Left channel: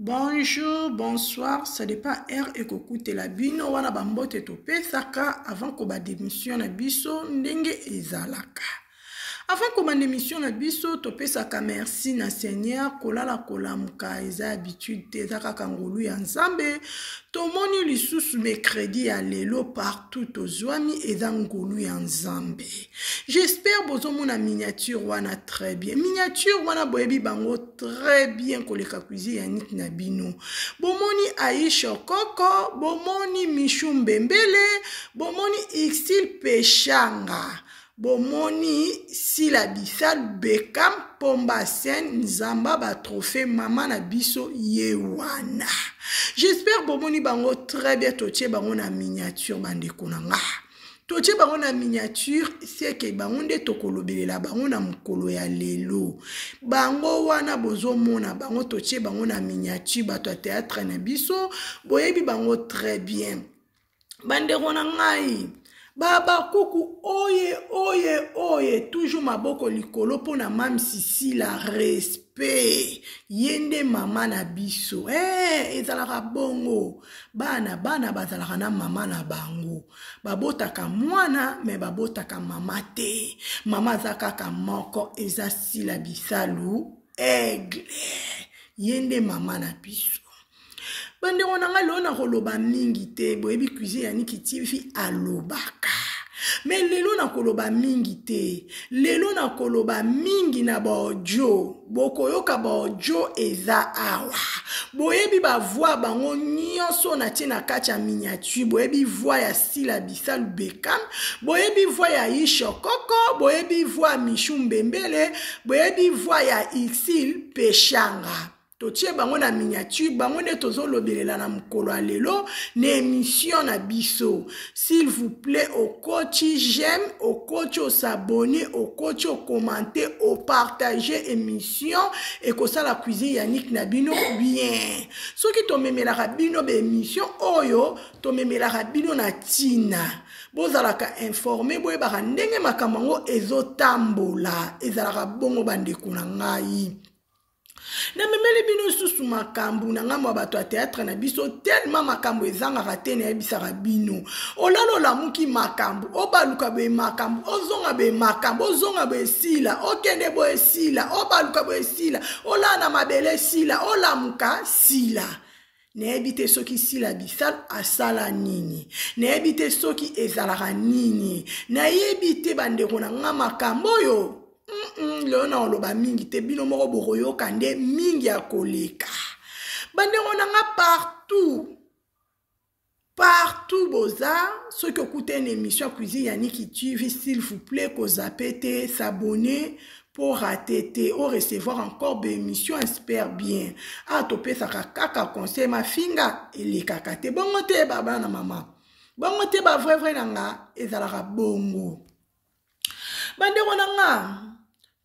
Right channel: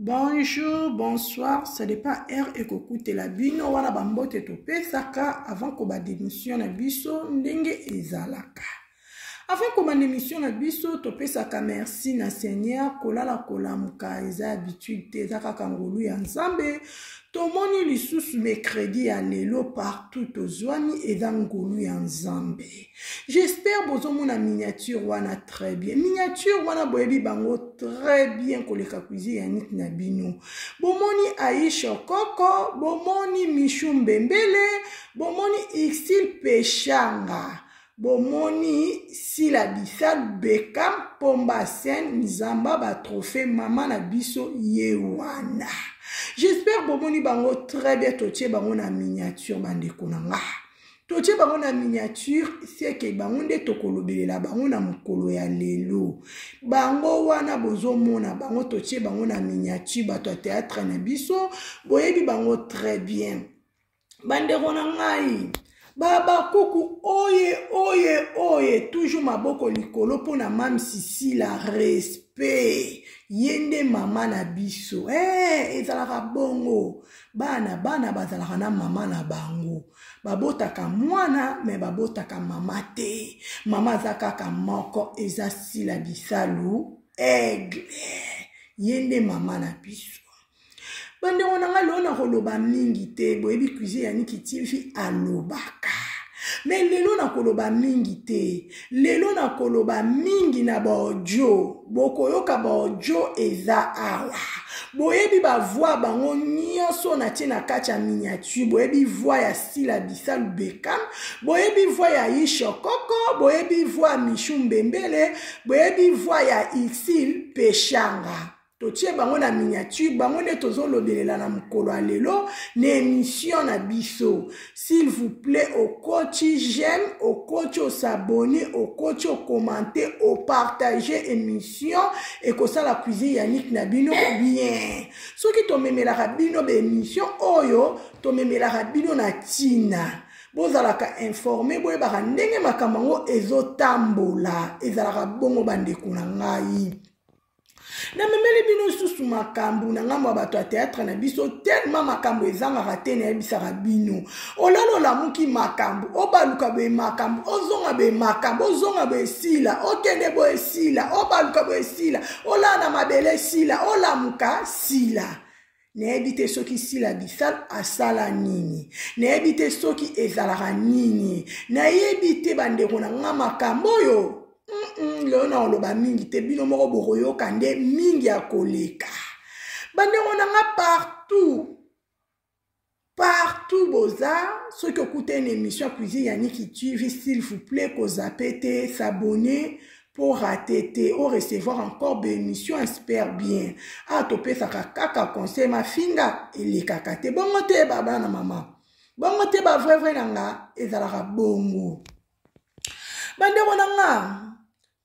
Bonjour, bonsoir, ça dépend R et kokute la bino wana bambote tope saka avant ko ba démission na biso ndenge ezalaka. Avant ko ba démission na biso tope saka merci na Seigneur kolala kolamuka eza habitude te zaka kangolu ya nzambe. Tomoni lisusu mercredi ya lelo partout ozwami eza ngolu ya nzambe. J'espère bozomona miniature wana très bien. Miniature wana boyebi bango très bien koleka cuisine ya nit na bino. Bomoni Aisha Koko, bomoni Michou Mbembele, bomoni Ixil Pechanga. Bomoni Sila Bissal Bekam Pomba Sen Nzamba ba trophée maman na biso yewana. J'espère bomoni bango très bien toche bango na miniature bande konanga. Toche bango na miniature c'est que bango nde tokolobelela bango na mukolo ya lelo. Bango wana bozomona bango toche bango na miniature bato théâtre na biso boyebi bango très bien. Bande konangai. Baba kuku oye toujours maboko likolo pona mam sisi la respect yende mama na biso ezalaka bongo bana bazalaka na mama na bango babotaka mwana me babotaka mama te mama zakaka moko eza Sila Bisalu aigle yende mama na biso. Bande onanga lona koloba mingi te boyebi cuisine ya Niki TV alobaka. Mais lelo na koloba mingi te. Lelo na koloba mingi na baojo. Bokoyoka baojo eza awa. Boyebi ba voix bango nyonso na tie na kati ya miniature. Boyebi voix ya Sila Bisalu Bekam. Boyebi voix ya Aisha Koko. Boyebi voix ya Michou Mbembele. Boyebi voix ya Ixil Pechanga. Totie bango na miniature, bango ne tozo lobelela na mukolo alelo, ne émission na biso. S'il vous plaît, au coach j'aime, au coach au s'abonner, au coach au commenter, au partager émission, et que ça la cuisine Yannick Nabino bien. Ce qui to memela rabino be émission, oyo, to memela rabino na tina. Bozalaka informé, boye baka ndenge makamango ezotambola, ezalaka bongo bandeko na ngai. Na memeli bino susu makambu na ngambo bato a théâtre na biso tellement makambu ezanga rate na ebisaka bino olalo la muki makambu obaluka be makambu ozonga be makambu ozonga be sila okende bo sila obaluka be sila olana mabele sila olamuka sila na ebite soki Sila Bisalu asala nini na ebite soki ezalaka nini na ebite bandeko na nga makambo yo Leona oloba mingi te bino moko bokoyoka nde mingi ya koleka. Bande onanga partout boza ceux qui écoutent une émission cuisine ya Niki TV s'il vous plaît ko zapete s'abonner pour rater ou recevoir encore des émissions espère bien. A topé sa kaka conseil ma finga ele kakate bongo te baba na mama. Bongo te ba vrai nanga ezalaka bongo. Bande onanga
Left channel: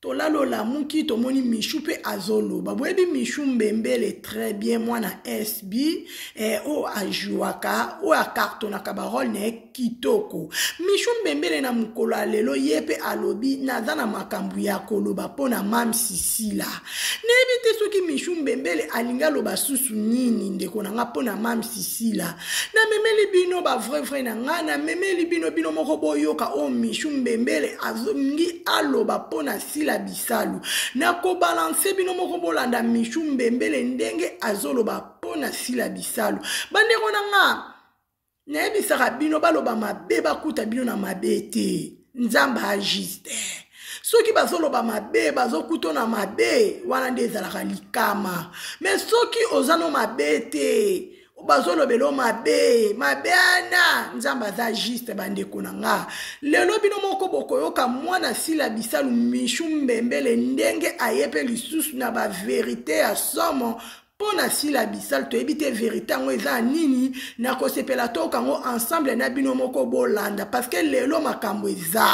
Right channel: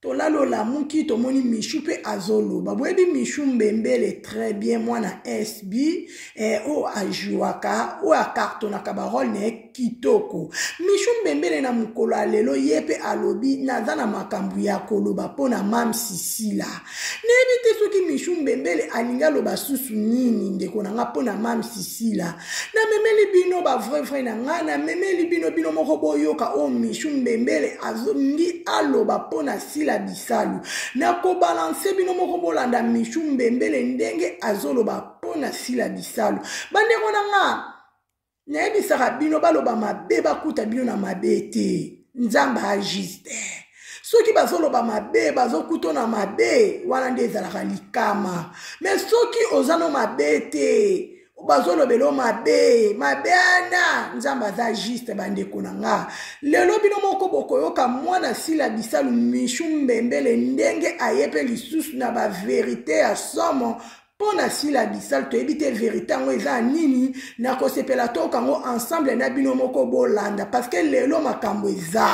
Tolalo la muki tomoni Michou pe azolo. Baboyebi Michou Mbembele très bien mwana SB o ajuaka o akartona kabarol ne kitoko. Michou Mbembele na mukolo alelo yepe alobi nazana makambu ya koloba pona mam sisila. Nebite soki Michou Mbembele alinga loba susu nini ndeko nanga pona mam sisila. Na memeli bino ba vrai na nga na memeli bino moko boyoka o Michou Mbembele azongi aloba pona Sila Bisalu na ko balancer bino moko bolanda Michou Mbembele ndenge azoloba pona Sila Bisalu bande konanga na ebisaka bino baloba mabe bakuta bino na mabe te nzamba agiste soki bazoloba mabe bazokuta na mabe wana nde ezalaka likama mais soki ozano mabe te bazolobelo mabe ana nzamba za juste bandeko nanga lelo bino moko bokoyoka mwana Sila Bisalu Michou Mbembele ndenge ayepe lisusu na ba vérité ya somo pona Sila Bisalu to ebite vérité ngo eza nini na kosepela to kango ensemble na bino moko bolanda parce que lelo makambo eza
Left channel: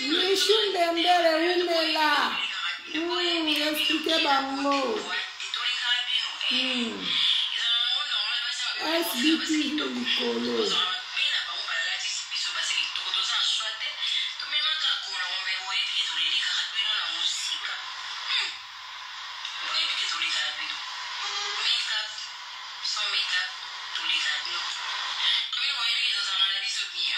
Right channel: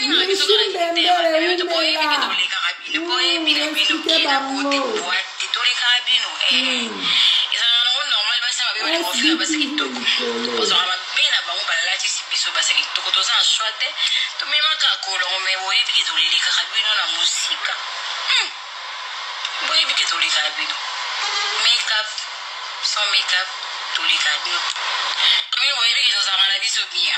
Michou Mbembele umela explique bango sans make-up, tous les cadeaux. Comme vous voyez, ils ont un avis bien,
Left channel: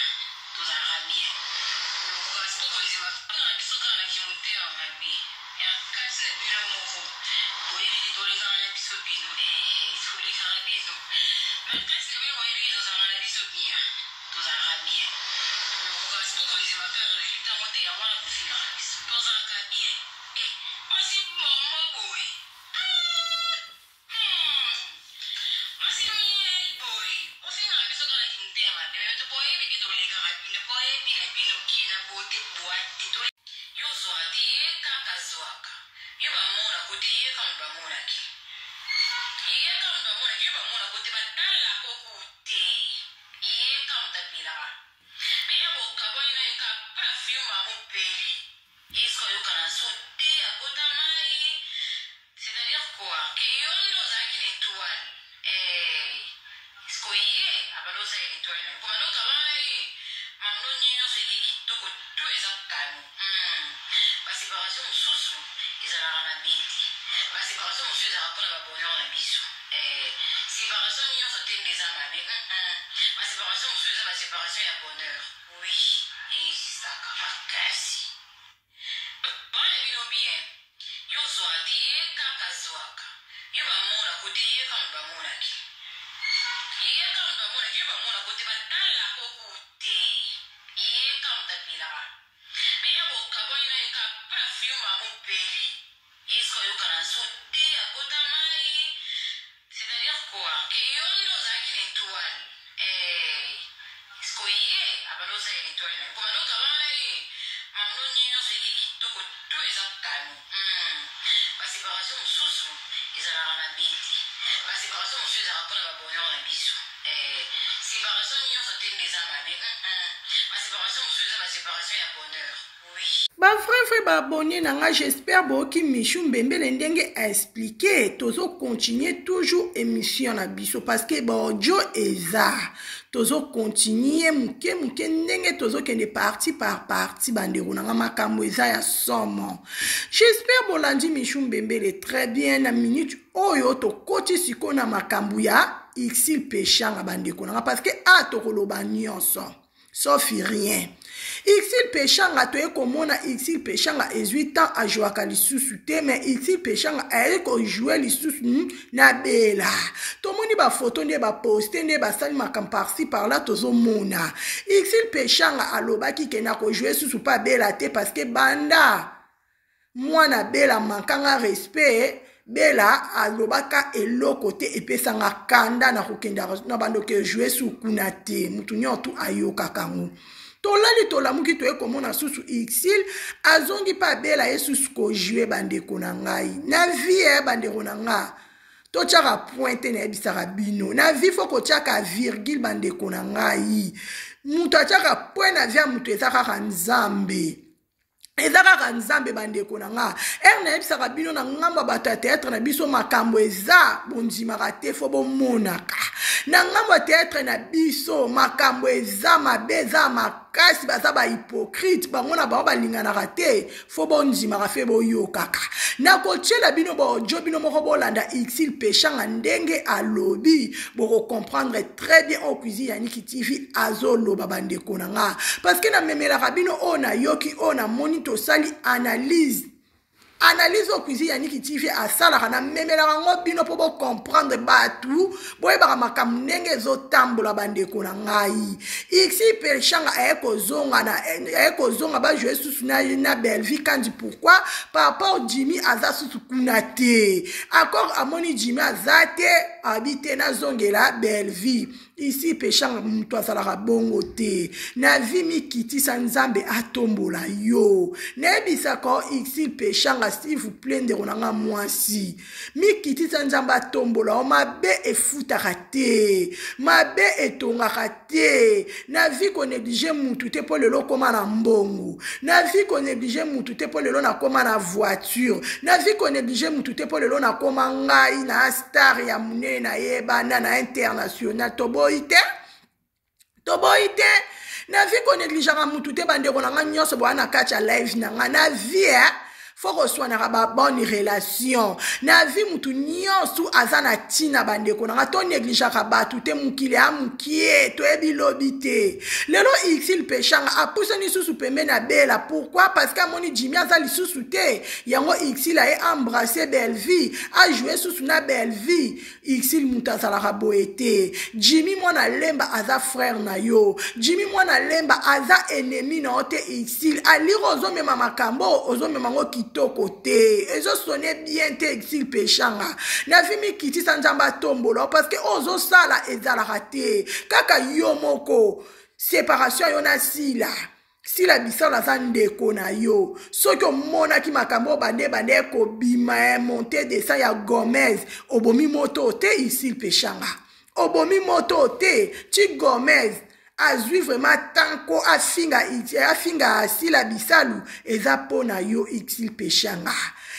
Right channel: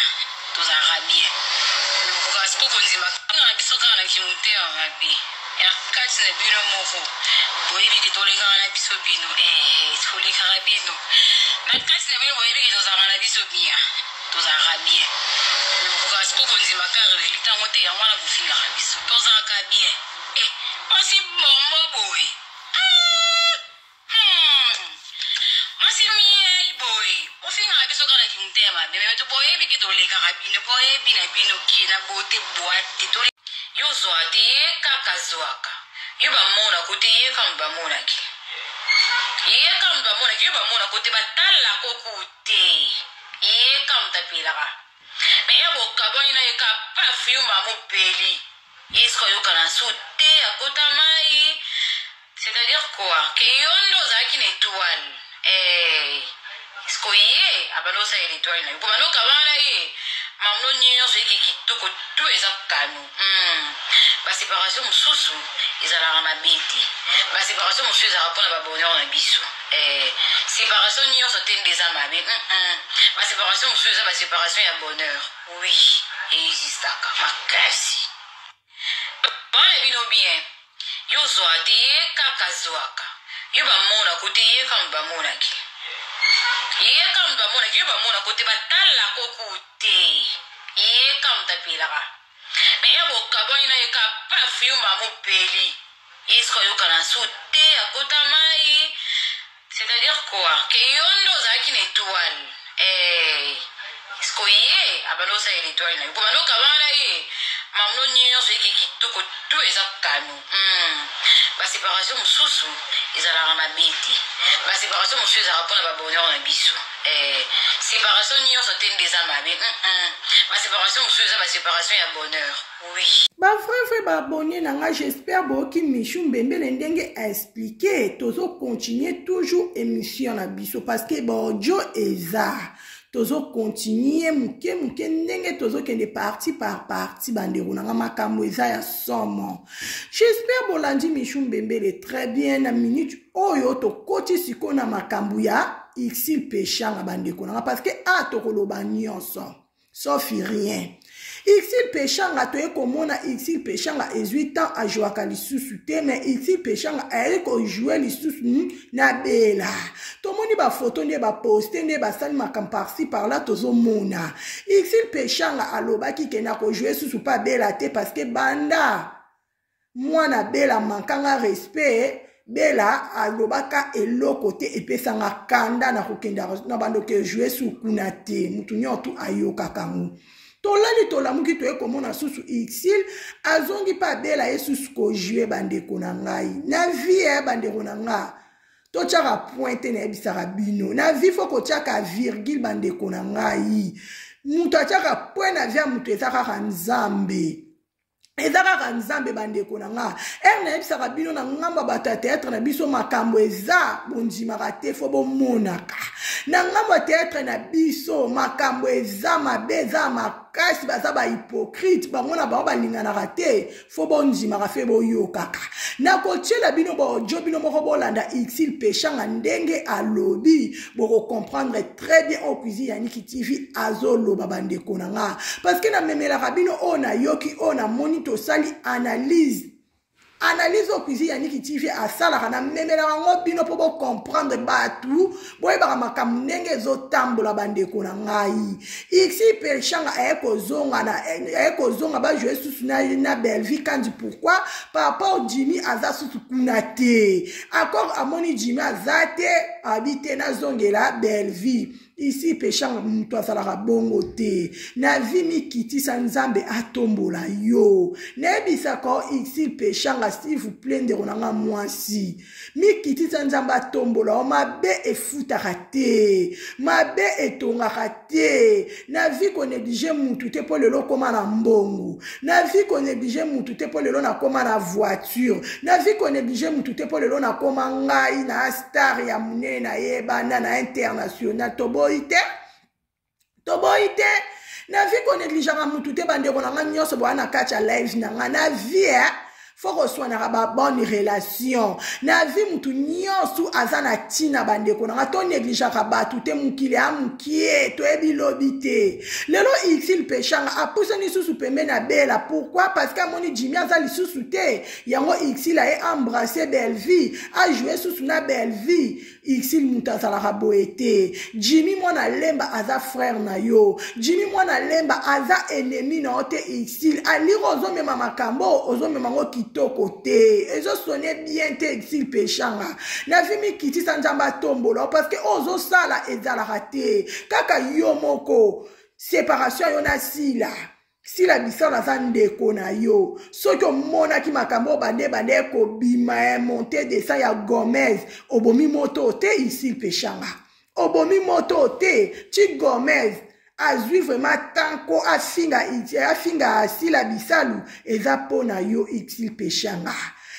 tous un rabien. Pourquoi est-ce qu'on dit ma quand on a besoin d'un qui monte en rabien? Et à quatre c'est bien mon fou. Vous voyez, ils tous les gars un avis bien, tous les carabines. Mais quatre c'est bien, vous voyez, ils ont un avis bien, tous un rabien. Pourquoi est-ce qu'on dit ma quand il est en monte en moi la bouffe la rabien, tous un rabien. Eh, moi c'est bon boy. C'est-à-dire quoi? Que yondo zaki n'étoile. Skoye abalosa étoile na bano kabana ye mamno nyinyo so yiki kitoko tout ezakano ba séparation mususu ezala na biti ba séparation mususu ezala pona ba bonheur na biso séparation nyinyo so tende za mabe ba séparation mususu ezala ba séparation ya bonheur oui existaka makasi bana bino bien yo zoate kaka zoaka yo ba mona kote ye kam ba mona ki ye kam ba mona ki ba mona kote ba tala kokute ye kam ta pilaka me ya boka boina ye ka perfume mamu peli isko yo kana sute akota mai c'est-à-dire quoi que yondo zaki n'étoile isko ye abalosa étoile na bano kabana ye mamno nyinyo so yiki kitoko tout ezakano ba séparation mususu ezala na biti ba séparation mususu ezala pona ba bonheur na biso séparation nyonso tende za mabe ba séparation mususu eza ba séparation ya bonheur oui ba frère ba abonné nanga j'espère boki Michou Mbembele ndenge a expliqué tozo continuer toujours émission na biso parce que ba audio eza tozo continuer muke ndenge tozo kende parti par parti bandeko nanga makambo eza ya somo. J'espère bolandi Michou Mbembele très bien na minute oyo to koti siko na makambo ya Ixil Péchanga bandeko nanga parce que a to koloba nyonso sauf rien. Ixil Péchanga toye komona Ixil Péchanga 18 ans a joué à lisusu te mais Ixil Péchanga a joué lisusu na bela. Tomoni ba photo ne ba poster ne ba sali makam par-ci par-là tozo mona. Ixil Péchanga alobaki ke na ko jouer susu pa bela te parce que banda mwana bela mankanga respect bela alobaka eloko te epesanga kanda na kokenda na bando ke jouer su kuna te mutu nyotu ayoka kango. Tolali tolamuki toye komona susu Ixil azongi pa bela yesusu ko jouer bandeko na ngai na vie bandeko na nga to tchaka pointe na ebisaka bino na vie foko tchaka virgule bandeko na ngai mutu tchaka point na via mutu ezaka nzambe ezaka nzambe bandeko na nga na ebisaka bino na ngamba bata théâtre na biso makambo eza bondimaka te fo bomonaka na ngamba théâtre na biso makambo eza mabeza makasi baza ba hypocrite bango na bango balinganaka te fo bondimaka fe boyokaka na kotiela bino baodio bino moko bolanda Ixil Péchanga ndenge alobi boko comprendre très bien au cuisine Yannick TV azoloba bandeko na nga parce que na memelaka bino o na yoki o na moni to sali analyse au cuisine Yannick TV asalaka na memelaka ngo bino po bo comprendre batu boyebaka makambo ndenge ezotambola bandeko na ngai Ixil Péchanga ekozonga bajouer susu na Belleville kandi pourquoi par rapport au Jimmy aza susu kuna te encore amoni Jimmy aza te habite na zongela Belleville ici pechanga mutu azalaka bongo te na vi mikitisa nzambe atombola yo nayebisaka ici pechanga s'il vous plaît ndeko nanga mwasi mikitisa nzambe atombola o mabe efutaka te mabe etongaka te na vi konéglige mutu te po lelo koma na mbongo na vi konéglige mutu te po lelo na koma na voiture na vi konéglige mutu te po lelo na koma ngai na star ya munene na yebana na international toboyi te na vi konégligaka mutu te bandeko na nga nyonso boana kati ya live na nga na vi faut resoignera ba bonne relation na vi mutu nyonso aza na tina bandeko na nga to négligaka batu te mukili ya mukie to ebilobi te lelo il pechanga apousa ni susu pembe na bela pourquoi parce que amoni Jimmy aza lisusu te yango il a embrassé belle vie a joué susu na belle vie il mutu azalaka boye te Jimmy mwana lemba aza frère na yo Jimmy mwana lemba aza ennemi na yo te il aliro ozomema makambo ozomema ngo kitoko te ezo sonne bien te exil pechanga na vi mikitisa nzamba tombola parce que ozo sala ezalaka te kaka yo moko séparation yo na sila bisala aza ndeko na yo soki omonaki makambo bande kobima monte descend ya Gomez obomi moto te ici pechanga obomi moto te ti Gomez azwi vraiment tanko afinga sila bisalu eza pona yo exil pechanga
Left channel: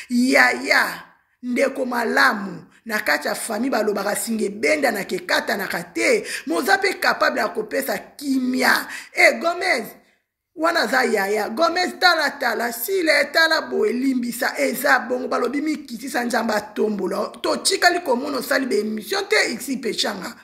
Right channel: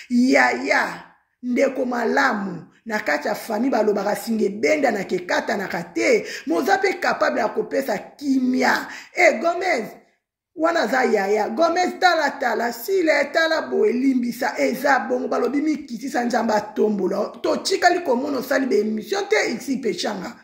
yaya ndeko malamu na kati ya famille balobaka singe benda na kekata na kate moza pe capable ya kopesa kimia Gomez wana za yaya Gomez tala sile tala boye limbisa eza bongo balobi mikitisa nzamba tombola to chikali komono sali be émission te exil pechanga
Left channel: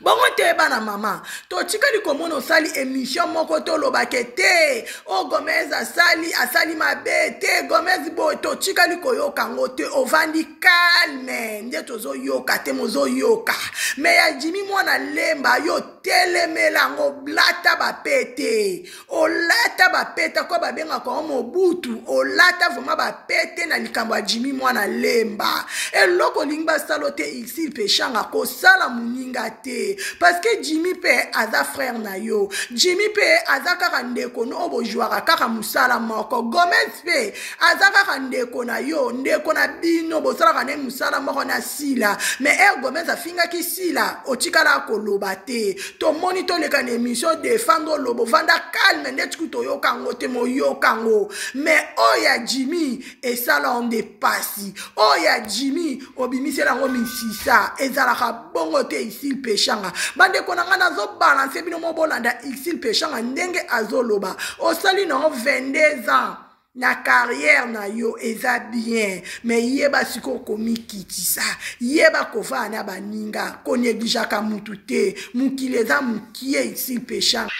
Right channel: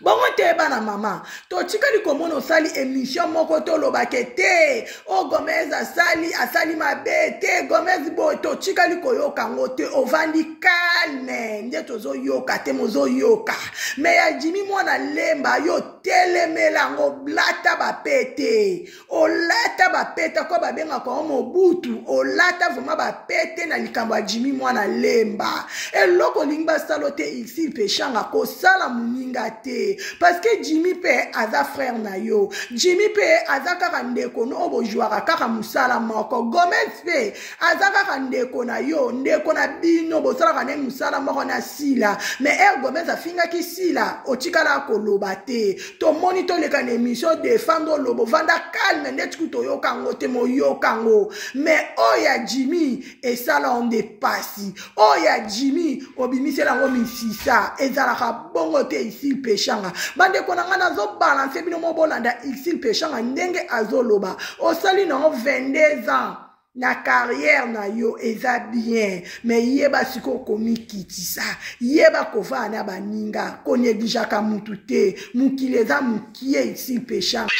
bongo te bana mama to tikali komona osali émission moko to lobake te o Gomez asali mabe te Gomez boy to tikali koyoka ngo te ovandi calme nde tozo yoka te mozo yoka me ya Jimmy mwana lemba yo telemela ngo blata bapete o lata bapete ko babenga ko mobutu o lata vraiment bapete na likambo ya Jimmy mwana lemba eloko lingba salote ici pechanga ko sala muninga te parce que Jimmy pe aza frère na yo Jimmy pe aza kaka ndeko no obojwaka kaka musala moko Gomez pe aza kaka ndeko na yo ndeko na bino bosalaka ne musala moko na sila mais Gomez afinga ki sila otikala koloba te to monitor le kan émission défendre lobo vanda calme ndet kuto yokango te mo yokango mais oya Jimmy esala on dépasse oya Jimmy obimisela ngo misisa ezalaka bongo te ici pechanga bande konanga nazo balance bino mo bolanda ici pechanga ndenge azoloba osali no 22 ans na carrière na yo eza bien mais yeba siko komikitisa yeba kova na baninga koneglijaka mutu te mukile eza mukie ici pechanga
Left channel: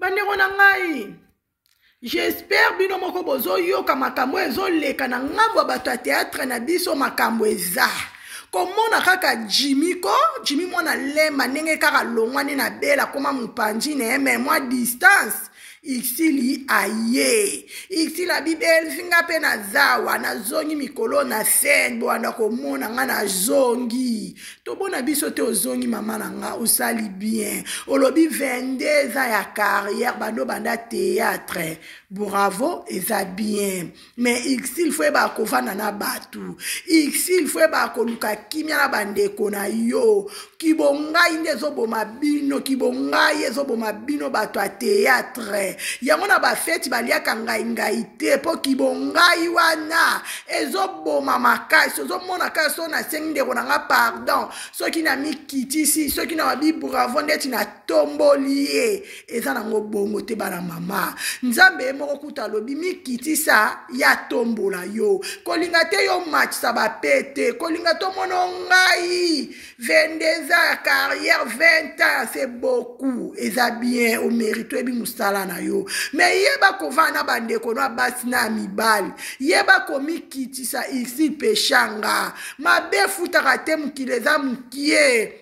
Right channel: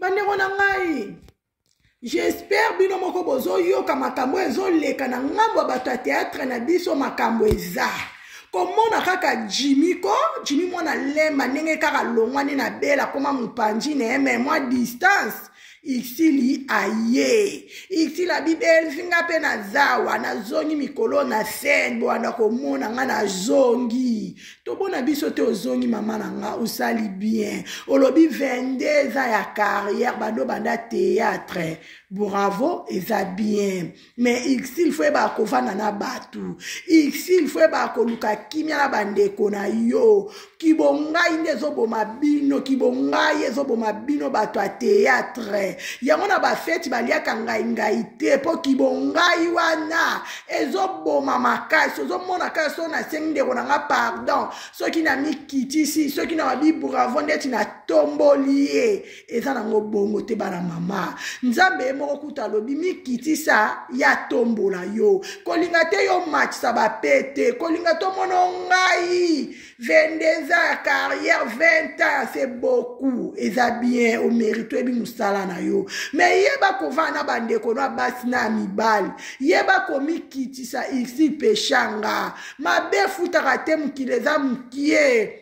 bandeko na ngai j'espère bino moko bozo yoka makambo ezoleka na ngambo bato ya théâtre na biso makambo eza komona kaka Jimmy mwana lemba ndenge kaka longwani na bela koma mupanji na mais moi distance Ixili aye. Ixili abibel finga pe na zawa na zongi mikolo na sen bo anda komona nga na zongi. To bona biso te ozongi mama na nga osali bien. Olobi 22 ans ya carrière bando banda théâtre. Bravo eza bien. Mais Ixili faut ba kovana na batu. Ixili faut ba koluka kimia na bandeko na yo. Kibonga inde zobo mabino kibonga yezobo mabino bato a théâtre. Yango na ba feti baliaka ngai te po kibongai wana ezoboma makasi ozomona ka so na sengde ko nga pardon soki na mikitisi soki na babi bravo ndeti na tombolie eza nango bongo te bana mama nzambe moko kuta lobi mikitisa ya tombola yo kolinga te yo match sa ba pete kolinga to mono ngai 22 ans carrière 20 ans c'est beaucoup eza bien au mérite ebi musala na yo mais yeba kovana bandeko no basi na mibali yeba komikitisa ici peshanga mabe futaka te mukileza mukie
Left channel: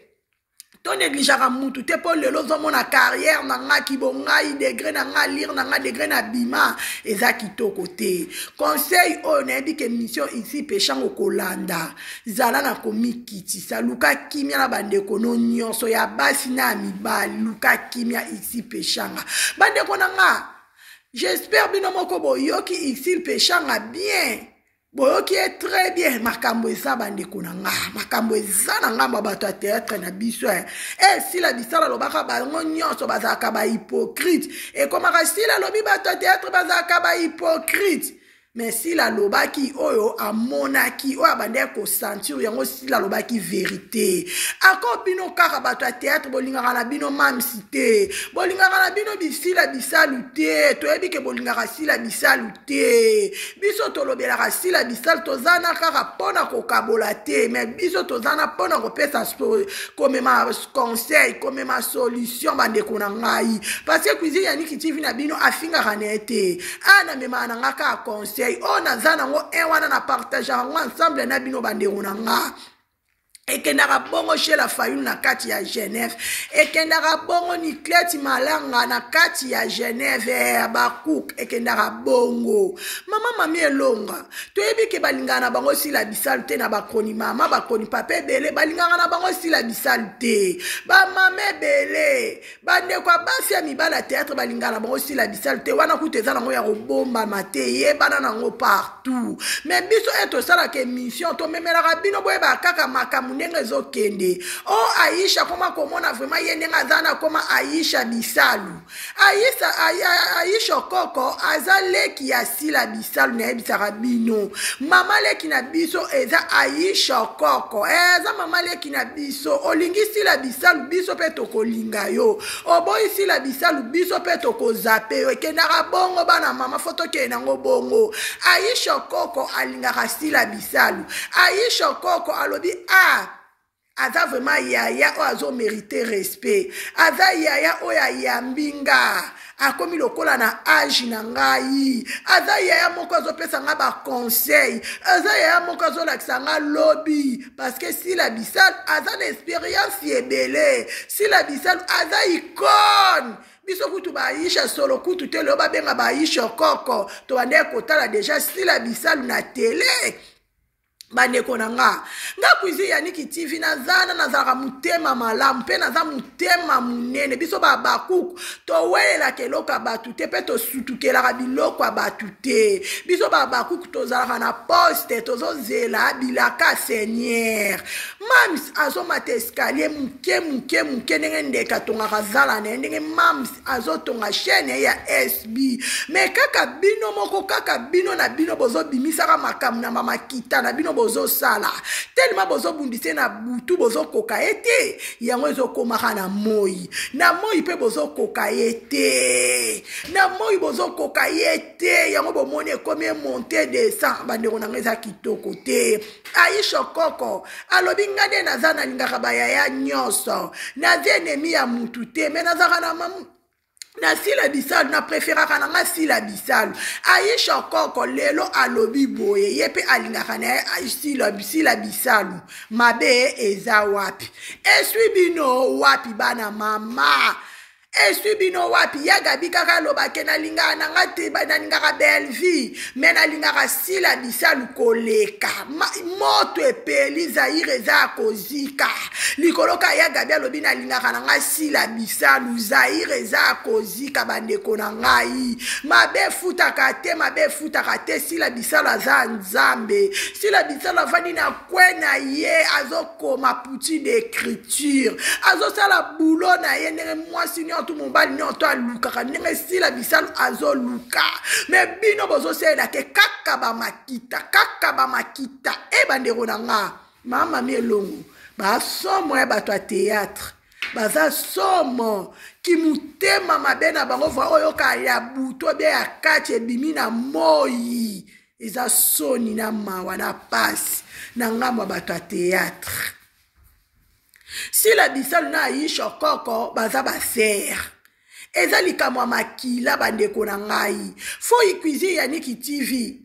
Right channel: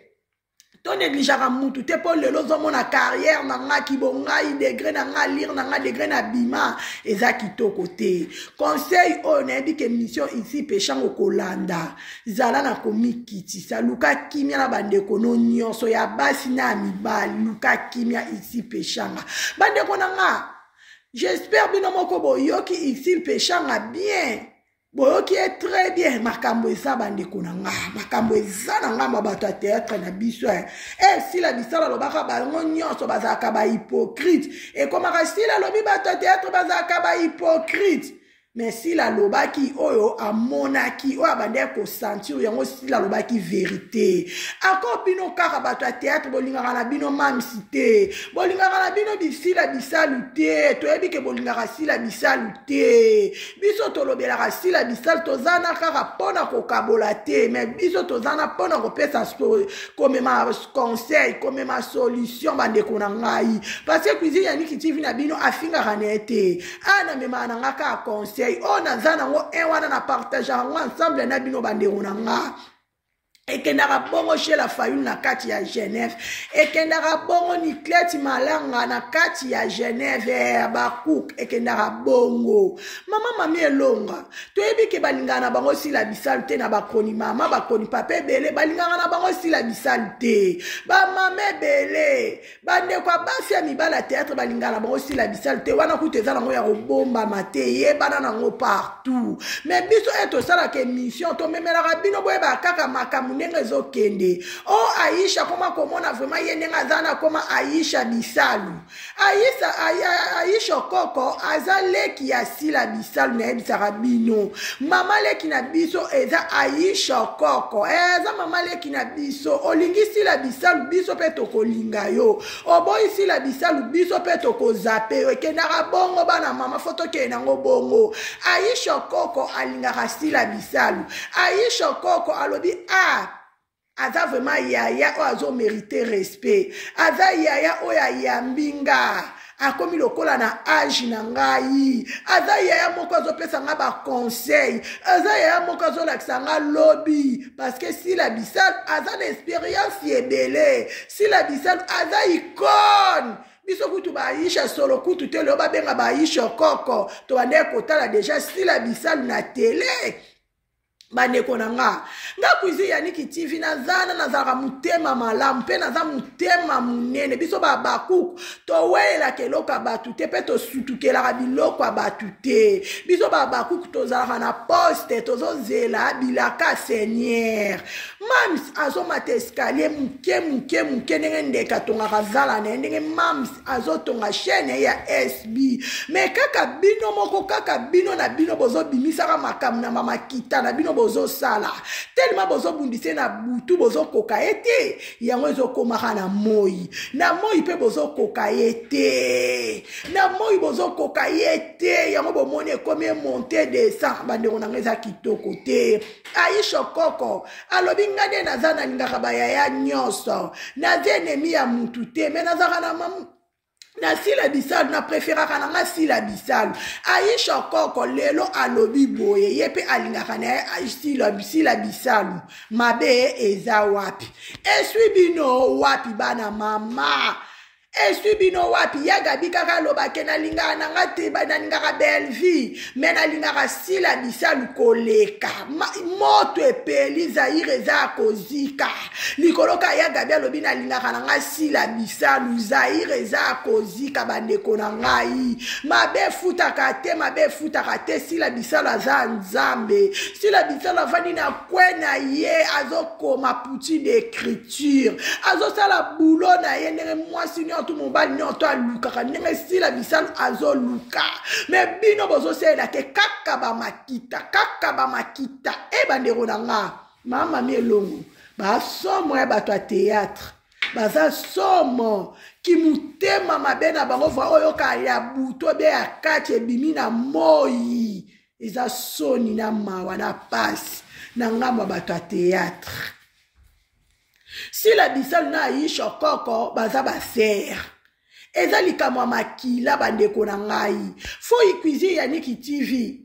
to négligera mutu te po lelo zomona carrière na nga kibongai degré na nga lire na nga degré na bima eza kitoko te conseil o nebi ke mission ici peshanga kolanda zala na komikitisa luka kimia na bandeko no nyonso ya basi na mibali luka kimia ici peshanga bandeko na nga j'espère bino moko boyoki ici peshanga bien boyoki est très bien makambo eza bandeko na nga makambo eza na nga bato ya théâtre na biso si la bisala lobaka bango nyonso bazalaka ba hypocrite ekomaka sila lobi bato ya théâtre bazalaka ba hypocrite mais si la lobaki oyo amonaki oyo abandeki kosentir yango si la lobaki vérité ako bino kaka bato ya théâtre bolingaka na bino mamisi te bolingaka na bino bisila bisalu te toyebi ke bolingaka sila bisalu te biso tolobelaka sila bisalu tozana kaka mpona kokabola te mais biso tozana mpona kopesa komema conseil komema solution bandeko na ngai parce que cuisine ya Niki TV na bino afingaka na ye te ana memaka na nga kaka conseil o naza nango wana na partage yango ensemble na bino bandeko na nga ekendaka bongo chez la Fayoul na kati ya Genève ekendaka bongo Nikleti Malanga na kati ya Genève Bakouk ekendaka bongo mama mami elonga toyebi ke balingana na bango sila bisalu te na bakoni mama bakoni papa ebele balingana na bango sila bisalu te bamama ebele bandeko basi ya mibala théâtre balingana na bango sila bisalu te wana kuta eza nango ya kobombama te yebana nango partout mais biso tosalaka émission tomemelaka bino boyeba kaka makambo ndenge ezokende o Aisha koma komona vraiment ye ndenge aza na koma Aisha bisalu Aisha koko aza leki ya sila bisalu na yebisaka bino mama leki na biso eza Aisha koko eza mama leki na biso olingi sila bisalu biso pe tokolinga yo oboyi sila bisalu biso pe tokozape yo ekendaka bongo bana mama foto kenango bongo Aisha koko alingaka sila bisalu Aisha koko alobi aza vraiment yaya o azo mériter respect aza yaya o ya yambinga akomi lokola na âge na ngai aza yaya moko azopesa nga ba conseil aza yaya moko azolakisa nga lobby parce que si la bisal aza na expérience ebele si la bisal aza icône biso kutu ba Aisha solo kutu te lo ba benga ba Aisha koko to bande kotala déjà si la bisal na télé bandeko na nga kuizi ya Niki TV nazalaka mutema malamu mpe naza mutema munene biso bakuku towelela keloko ya batu te mpe tosutukelaka biloko ya batu te biso bakuku tozalaka na poste tozozela bilaka seigneur mams azomata escalier muke ndenge ndeka tongaka zala na ye ndenge mams azotonga chaîne ya SB mais kaka bino moko kaka bino na bino bozobimisaka makambo na mamakita na bino bozo sala tellement bozo bundise na butu bozo koka ete yango ezokomaka na moi pe bozo koka ete na moi bozo koka ete yango bomoni ekomi monter descend bandeko na ngeza kitoko te Aisha koko alobi ngade naza na lingaka bayaya nyonso naza enemi ya mutu te me nazaka na mamu na sila bisalu na preferaka na nga sila bisalu Aisha koko lelo alobi boye yepe alingaka na sila bisalu mabe eza wapi eswi bino wapi bana mama Esui bino wapi ya gabi kaka lobake na linga na ngate ba na linga belle vie mais na linga sila bisalu koleka moto epeli Zaire za kozika likoloka ya gabi alobi na linga na nga sila bisalu Zaire za kozika bandeko na ngai mabe futaka te sila bisalu za nzambe sila bisalu avandi na kwena ye azokoma puti d'écriture azosala boulot na ye ndenge mwasi tout mobali nyoto aluka ndenge sila bisalu azoluka me bino bozosela ke kaka ba makita e bandeko na nga mama mielongo ba somo ya bato ya théâtre baza somo ki mutema mabe na bango va oyoka ya buto be ya kati ebimi na moi eza soni na mawa na pasi na ngambo bato ya théâtre sila bisalu na Aisha Koko baza baser eza likamwa makila bandeko na ngai fo ikuizi ya Niki TV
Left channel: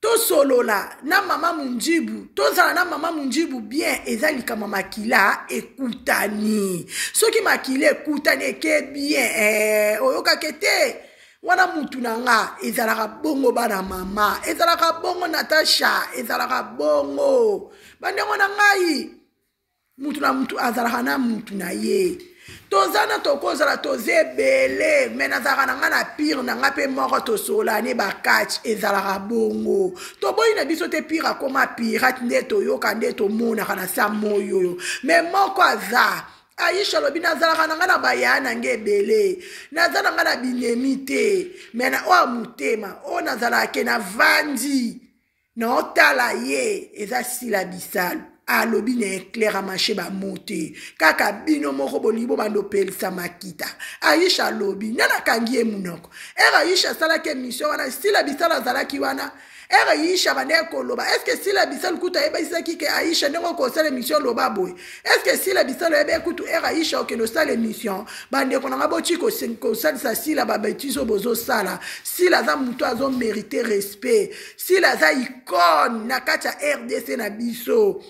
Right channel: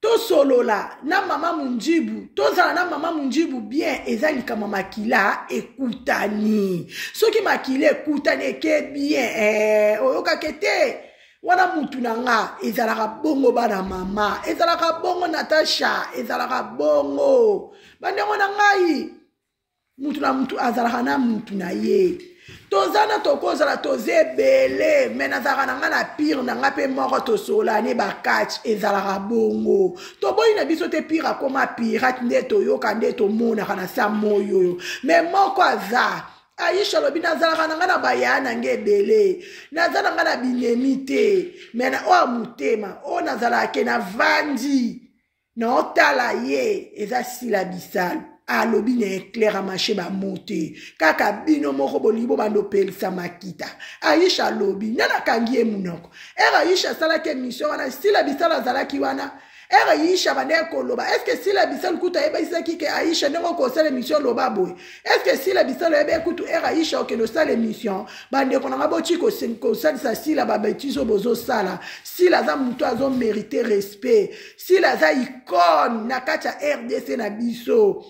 to solola na mama Munjibu tozala na mama Munjibu bien eza likamwa makila ekutani soki makila ekutani ke bien oyoka kete wana mutu na nga ezalaka bongo bana mama ezalaka bongo Natasha ezalaka bongo bandeko na ngai mutu na mutu azalaka na mutu na ye tozana tokozala tozebele me nazalaka na nga na pire na nga mpe moko tosolani bakatch ezalaka bongo toboyi na biso te pire akoma pirate nde toyoka nde tomonaka na sa moyo oyo me moko aza Aisha lobi nazalaka na nga na baya na nge ebele naza na nga na binemi te me na oyo motema oyo nazalaka na vandi na otala ye eza sila bisalu alobi na éclair à marché ba monter kaka bino moko bolibo bando pelisa makita Aisha lobi nana kangie munoko Aisha sala ke mission wana sila bisala zalaki wana Aisha bande koloba est-ce que sila bisala kuta eba isaki ke Aisha ndeko ko sala mission loba boy est-ce que sila bisala eba kutu Aisha o ke no sala mission bande ko na bochi ko sala sila ba betizo bozo sala sila za muto azo mériter respect sila za icône na kata RDC na biso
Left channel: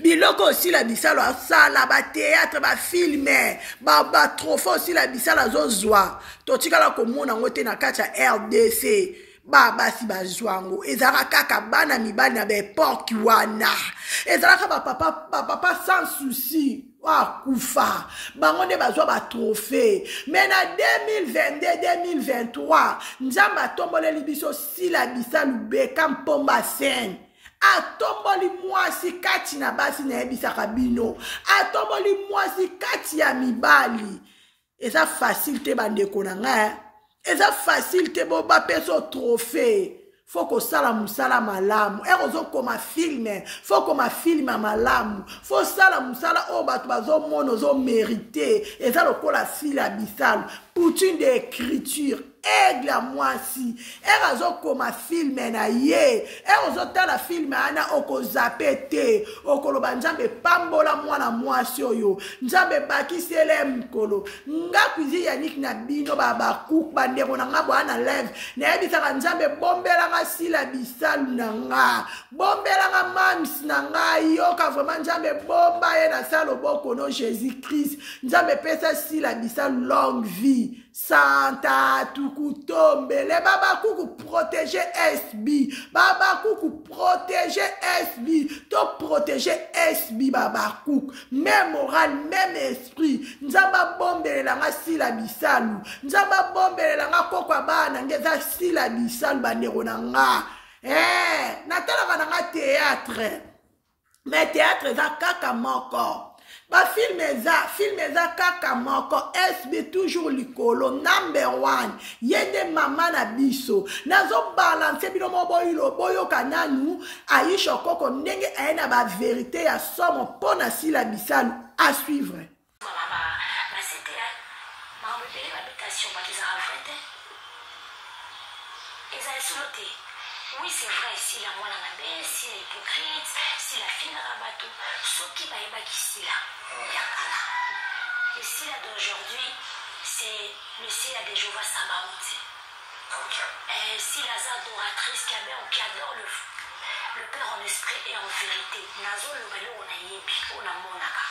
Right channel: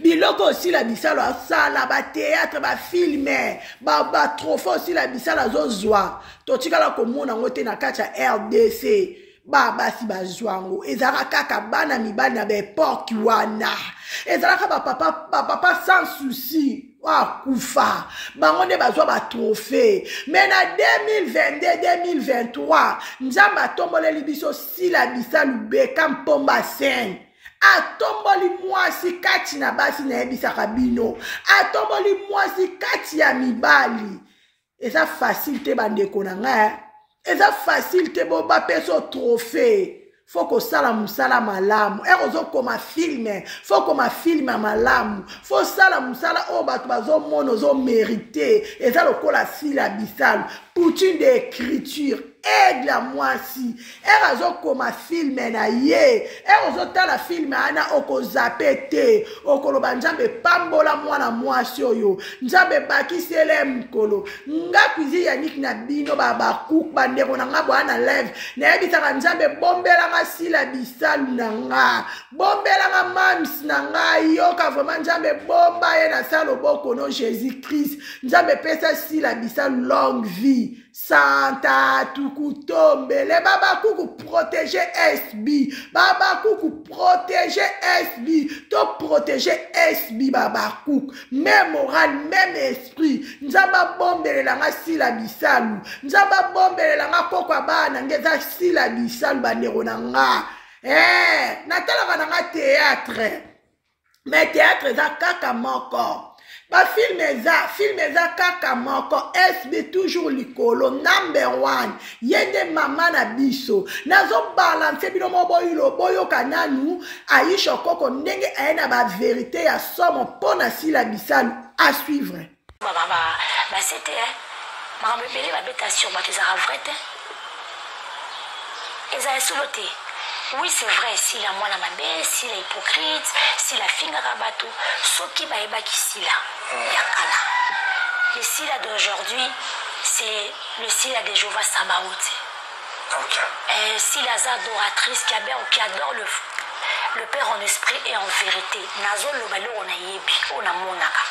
biloko aussi la bisalo asala ba théâtre ba filmer ba trophée aussi la bisalo azozwa totikala komona ngote na kati ya RDC basi bazwango ezala kaka bana mibali na bepoki wana ezala kaka papa sans souci kufa bango nde bazwa ba trophée mais na 2022 2023 nzamba tomboleli biso sila bisalu beka mpomba scène atomboli mwasi kati na basi na yebisaka bino atomboli mwasi kati ya mibali eza facile te bandeko na nga eza facile te bo bapeso trophée foko sala musala malamu ozokoma filme fokoma filme malamu fo sala musala o bato bazomona ozo mérité eza lokola sila bisalu poutine d'écriture aigle à mwasi azokoma filme na ye ozotala filme ana okozape te okoloba nzambe pambola mwana mwasi oyo nzambe bakisele mkolo nga kuizi ya Niki na bino babakuku bandeko na nga bwana live nayebisaka nzambe bombela nga sila bisalu na nga bombela nga mams na nga yoka vraiment nzambe bomba ye na sa loboko no Jésus Christ nzambe pesa sila bisalu longue vie Santa tukutombele baba kuku protéger SB baba kuku protéger SB to protéger SB baba kuku même moral même esprit nzamba bombele langa sila bisalu nzamba bombele langa kokwa bana ngeza sila bisalu bandeko na nga natalaka na nga théâtre mais théâtre za kaka moko ba film eza kaka moko SB toujours likolo number 1 yende mama na biso nazo balance bino moboyilo boyoka nanu Aisha Koko ndenge ayena ba vérité ya somo pona sila bisalu à suivre c'était maman bébé ba bétation ba tezara vrai te eza soloté. Oui, c'est vrai, si la moine ma belle, si la hypocrite, si la finga rabato, ce qui va être ici là, yakala. Le sila d'aujourd'hui, c'est le sila de Jéhovah Sabaoth. Okay. Si la adoratrice qui adore le Père en esprit et en vérité, nazo lo balo on a yebi, on a monaka.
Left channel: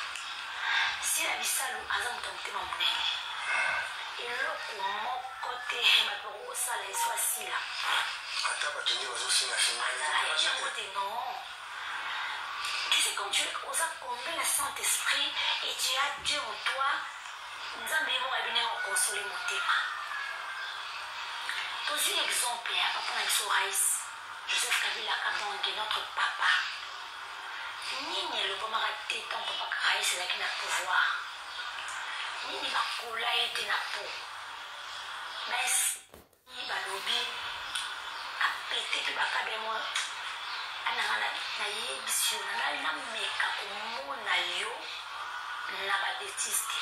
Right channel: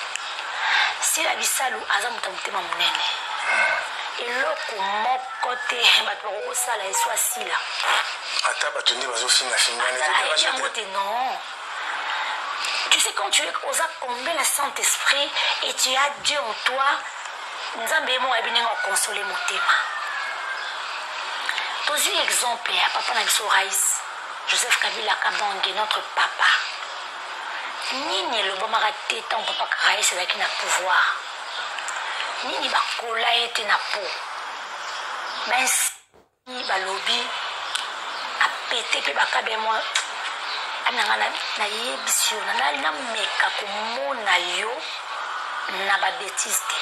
Si la bisalu azam tamtema munene. eloko moko te bato bakokosala eso asila ata bato nde bazofingafingana yango te non. Tu sais, quand tu es aux combien le Saint-Esprit et tu as Dieu en toi, Nzambe mo abine ngo consoler mon tema. Tozi exemple ya papa na biso Rais Joseph Kabila Kabange, notre papa. Nini le bomaka te tant papa Rais ezalaki na pouvoir. Nini bakola ete na po. Mais balobi apete pe bakabe moi ananga na yebisi yo na meka komona yo na babétise te.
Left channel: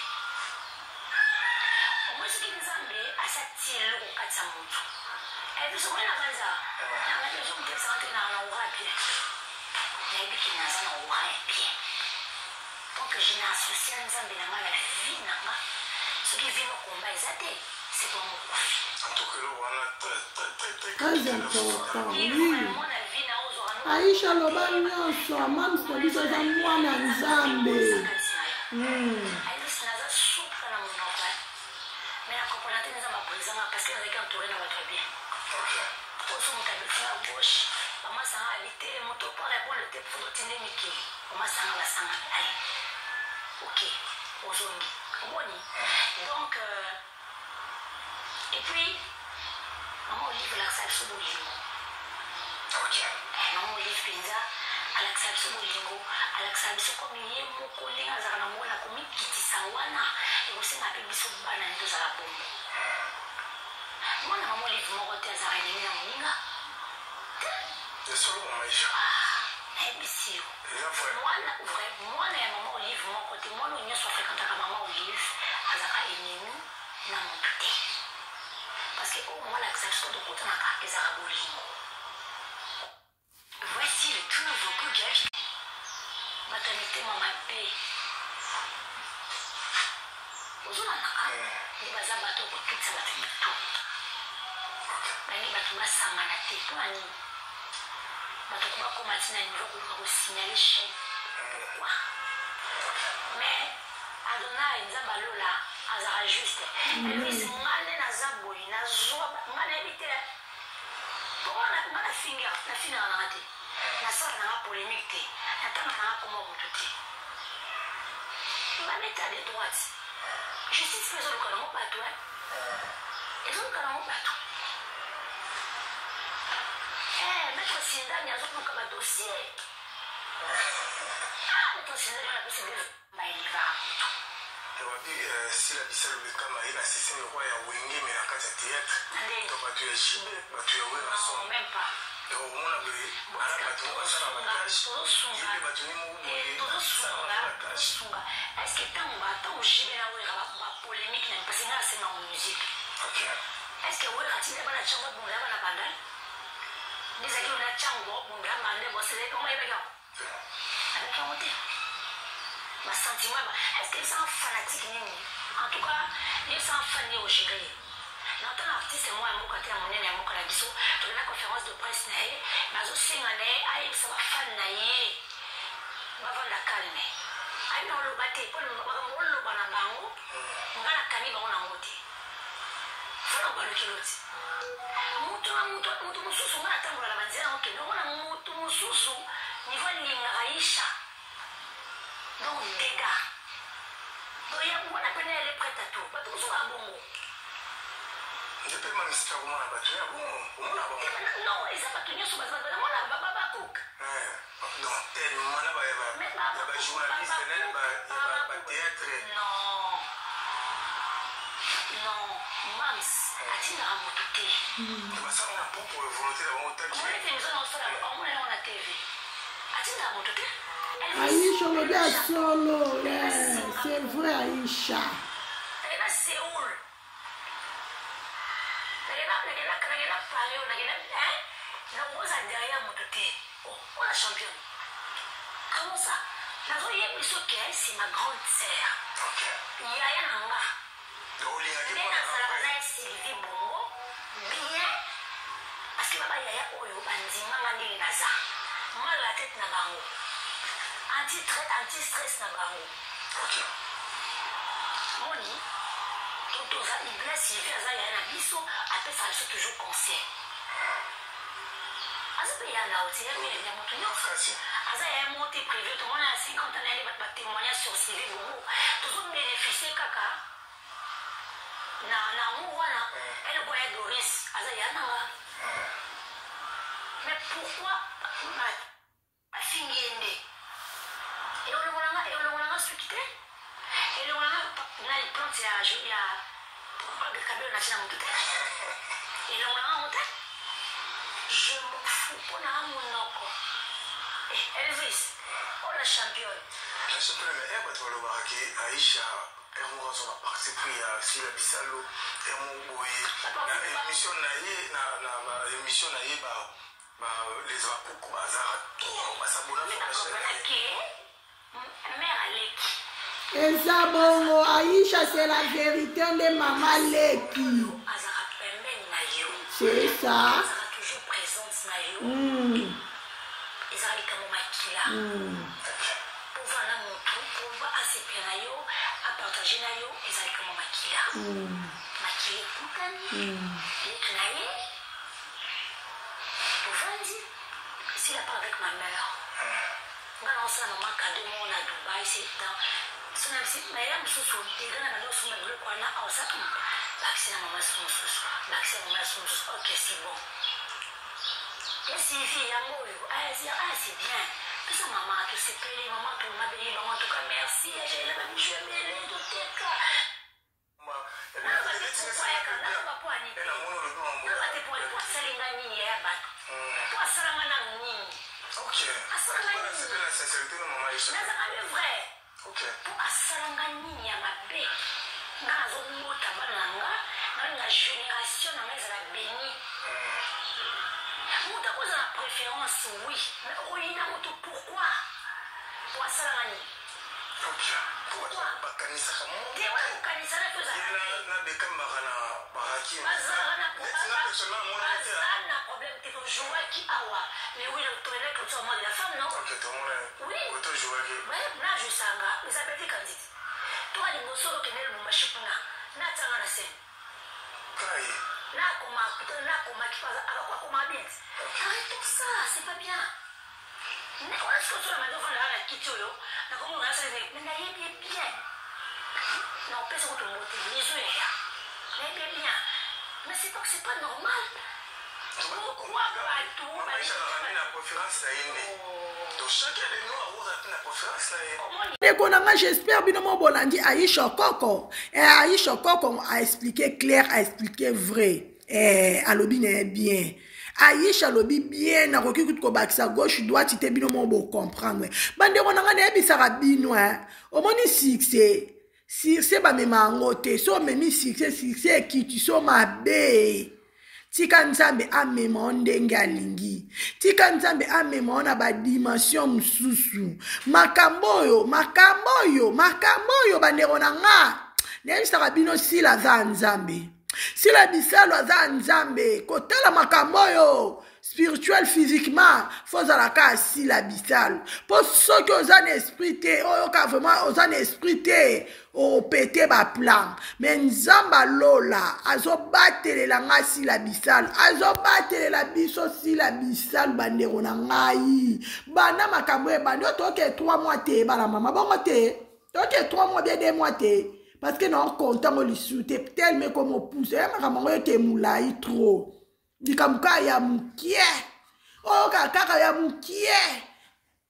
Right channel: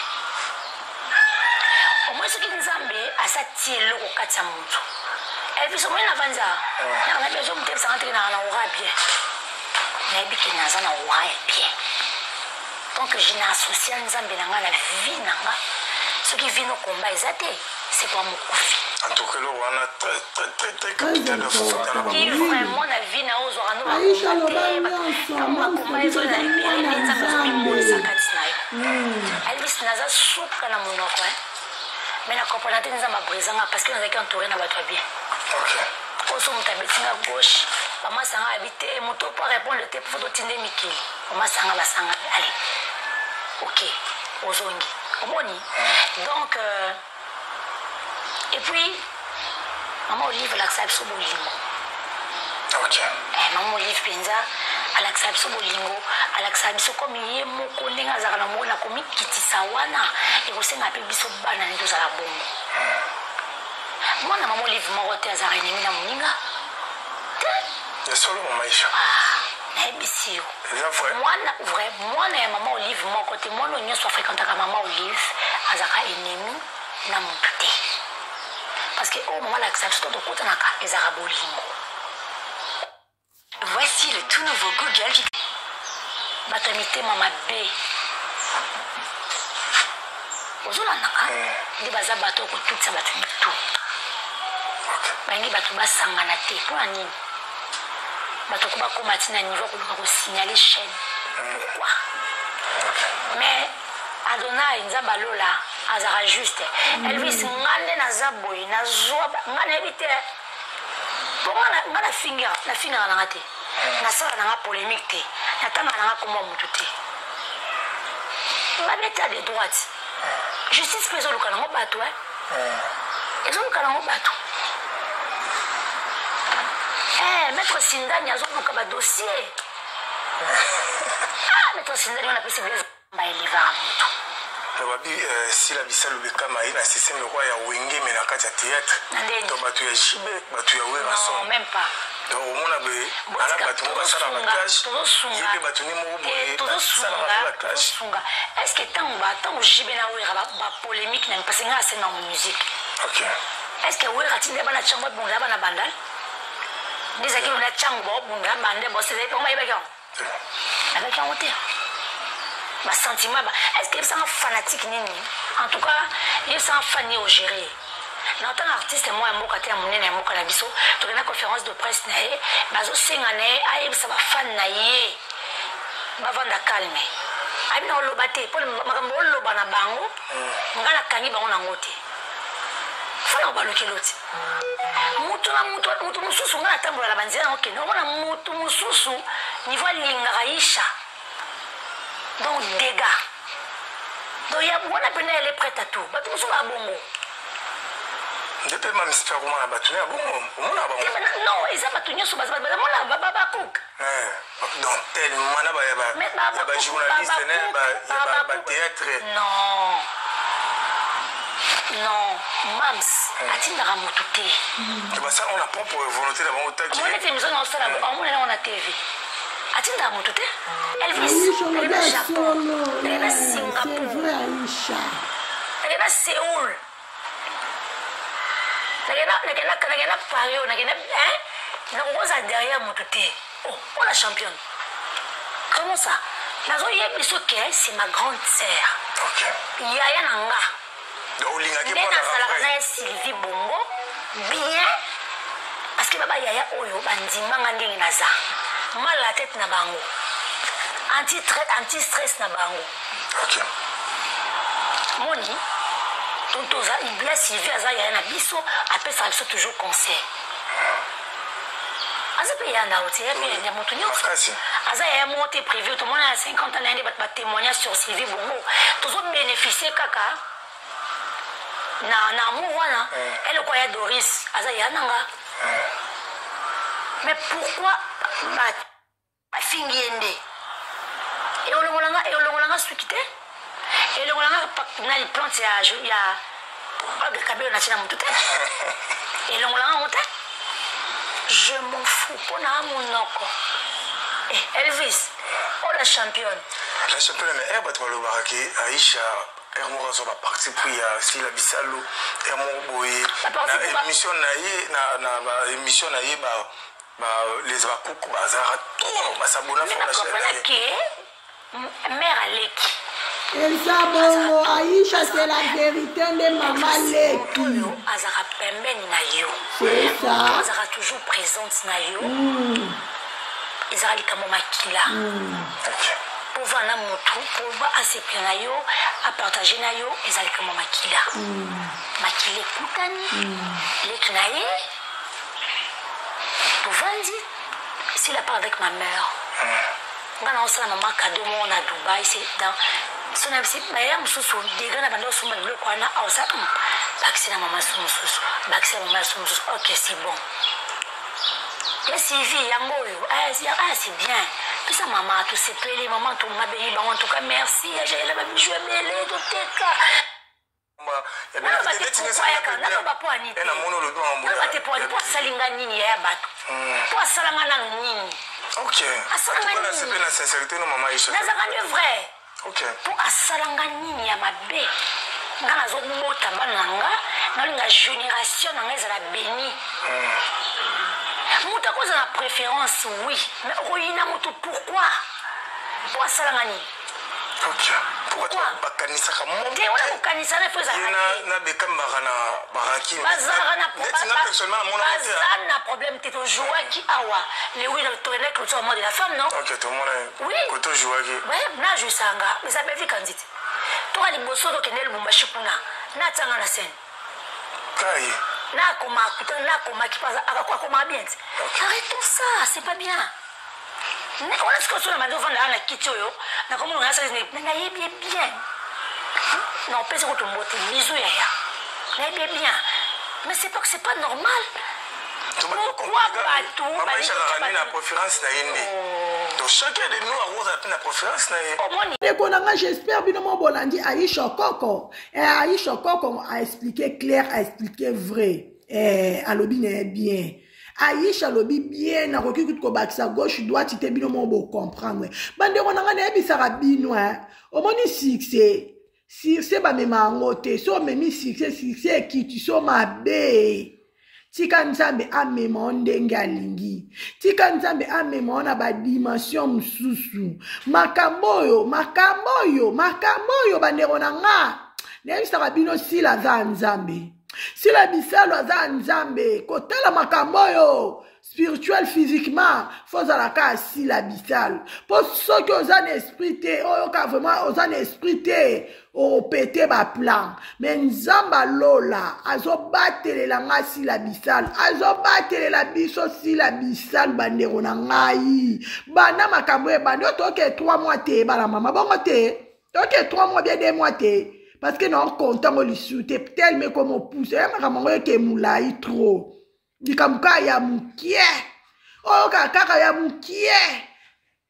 Au moins soki Nzambe asa tie eloko kati ya moto ebiso moi na vanza na bezo mutebisanga teke na ora bien nayebi ke naza na ora ya bien donc je n'associe Nzambe na nga na vie na nga soki vie no komba eza te c'est pas mokufi. En tout cas, on a très Aisha loba nyonso mamsoliso za mwana Nzambe. Aibisi naza suka na monoko mais na comprendre te Nzambe abrisanga parce que nazalaki entouré na bato ya bien. Oso moto abetinga gauche bamasanga habite moto po répondre te po totinde mikili bamasanga basanga allez ok ozongi omoni donc et puis maman Olive alakisa biso bolingo. Maman Olive penza alakisa biso bolingo alakisa biso komi ye moko ndenge azalaka na mona komikitisa wana ekosenga mpe biso bana nde tozala bongo. Mwana maman Olive moko te azalaka enemi na moninga te solo maisha nayebisi yo mwana ya maman Olive moko te mwana oyo nyonso afréquentaka maman Olive azalaka enemi na motu te parce que au moment alakisa biso tokotanaka ezalaka bolingo. Voici le tout nouveau Google qui bato ya mitema mabe ozolandaka nde baza bato okotutisa bato mitu balingi bato basangana te mpona nini bato ko bakoma ti na niveau koluka kosignale chaîne pourquoi mais Adonai Nzambe alola azaka juste Elvis nga nde naza boye nazwa nga nayebi te po nga nafingaka nanga te nasala nanga polémique te natangaka nanga komwa motu te nga neta de droite justice mpe ezoluka nango bato ezoluka nango bato maître Sindani azoluka badossier maître Sindani wana pesi blaise baelevaka motu babi sila bisalo bekama ye na système lokwa ya wenge me na kati ya théâtre to bato ya jibe bato ya wera son même pas donc omona be ala bato mo basala bakage yebe bato ni moko boye basala bakage est-ce que ntango jibe na wera bapolémique na parce que nga asema mo musique est-ce que wera tinde bana chango bunda bana bandal ndizaki bunda chango bunda bande bosele peoma yebeka avec un hôtel ma sentiment est-ce que c'est un fanatique nini en tout cas il c'est un fan au gérer na tant artiste moi mo kata monene mo kala biso to na conférence de presse na ye bazo singane aye ça va fan na ye ba vanda calme abi na lobate pour makambo loba na bango ngala kangi bango na ngote fana ba lokiloti mutu mususu ngala tambola la banzela OK no na mutu mususu niveau lingaisha donc dégâts donc il y a on appelle elle est prête à tout bato so ba bongo depuis même si tu as comment battu à bongo on a bongo non ils a battu nyoso baza mona baba cook donc tellement na ba journaliste ne ba théâtre non mams atindaka motu te ça on a propre volonté d'avoir autant on est émission dans ça on est on a TV atindaka motu te Aisha loba solo c'est vrai Aisha nagenda Séoul nagenda Paris nagenda nakokoza derrière motu te oh la championne comment ça nazoyebi biso ke c'est ma grande sœur yaya na nga nde nazalaka na ye Sylvie Bongo bien parce que baba yaya oyo bandimanga ndenge naza mal la tête na bango anti-stress na bango moni tonton il blesse Sylvie aza ya na biso après ça biso toujours conseil aza pe ya na hotel pe ya moto nyonso aza ya monté privé tout le monde a 50 ans n'ande ba témoignage sur Sylvie bongo toujours bénéficier kaka na amour wana elle quoi ya Doris aza ya nanga mais pourquoi ba fingiende et olongolanga swikite et olongolanga na les plantes ya kabelo na china mutu te et olongolanga mutu je m'en fous pour na monoko Elvis oh la championne mais elle va te voir que Aïcha Hermo zo ba parti pour ya si la bisalo Hermo boye na émission na émission na ye ba les bakoko bazara tout ba sabona mère Aleki eza bongo Aïcha c'est la vérité de maman Leki azara pembeni na yo c'est ça azara toujours présente na yo ezara likamo makila pour voir na motu pour voir asepela na yo à partager na yo ezali likamo makila makila ekutani Leki na ye Vandi, s'il a pas avec ma mère. On a lancé la maman cadeau à Dubaï, c'est dans son avis, mais il y a un des gars qui sont venus au Kwana, au Sapon. Baxi la maman son sous, Baxi la maman son sous. Ok, c'est bon. Et Sylvie, c'est bien. Puis sa maman, tout s'est plaît, maman, tout m'a béni, en tout cas, merci. J'ai la même joué, mais elle est de tête. Ok. Pourquoi bakanisa ka mo? Te wala bakanisa na foza. Na bekamba na baraki. Bazara na problème te jouer qui awa. Le oui le tourner que tu de la femme non? Ok, tout le monde. Oui. Koto jouer qui. Ouais, na jusanga. Mais ça me fait candidate. Toi les bosso do kenel mumbashi kuna. Na tanga na scène. Kai. Na koma qui passe akakwa koma bien. Arrête tout ça, c'est pas bien. On est-ce que sur la maison on a la kitio yo na comme on a ça na bien non peut se retomber bisous ya na bien mais c'est pas que c'est pas normal pourquoi pas tout maman chala na préférence na yende donc chacun de nous a rose na préférence na yende konanga j'espère bino mo bolandi Aïcha Koko et Aïcha Koko a expliqué clair a expliqué vrai alobi na bien Aïcha lobi bien na koki ko bakisa gauche droite ite bino mo bo comprendre bande ko nanga na bisara bino omoni succès ba mema ngote so memi succès ki tu so mabe tika nzambe amema ndenge alingi tika nzambe amema na ba dimension mususu makambo yo bande ko nanga na bisara bino sila za nzambe si la bisalo aza nzambe kotala makambo yo spirituel physiquement fozala ka si la bisalo po soki oza na esprit te oyo ka vraiment oza na esprit te opete ba plan mais nzamba lola azobatelela nga si la bisalo azobatelela biso si la bisalo bandeko na ngai banda makambo e bandi otoke 3 mois te bala mama bongo te toke 3 mois bien 2 mois te parce que non content on lui soute tel mais comme on pousse makambo ke mulai trop dikamuka ya mukie o kaka ya mukie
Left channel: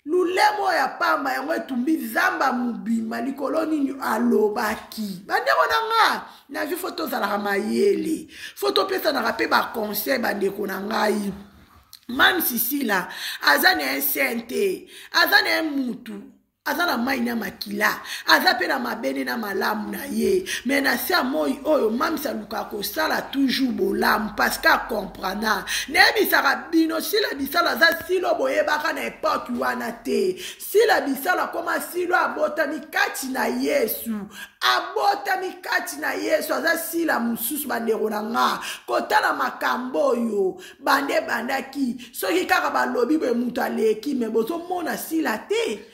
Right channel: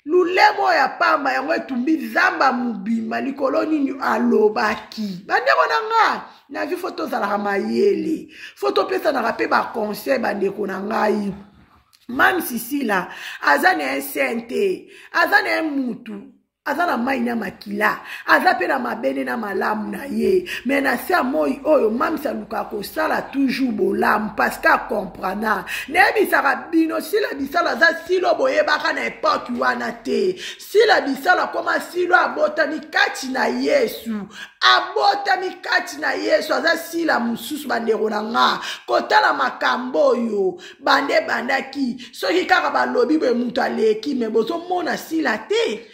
lulemo ya pamba yango etumbi zamba mubima likolo nini alobaki bandeko nanga na vi photo zala mayele photo pesa na rapé ba conseil bandeko ngai mam sisila azane sente azane mutu azana mai na makila azape na mabene na malamu na ye mais na sia moi oyo mamisa luka ko sala toujours bolamu parce que comprendre ne bisaka bino si la bisala za silo boyebaka na époque wana te si la bisala koma silo abotami kati na Yesu aza sila mususu bandeko na nga kotala makambo yo bandaki soki kaka balobi boye mutu aleki me bozomona sila te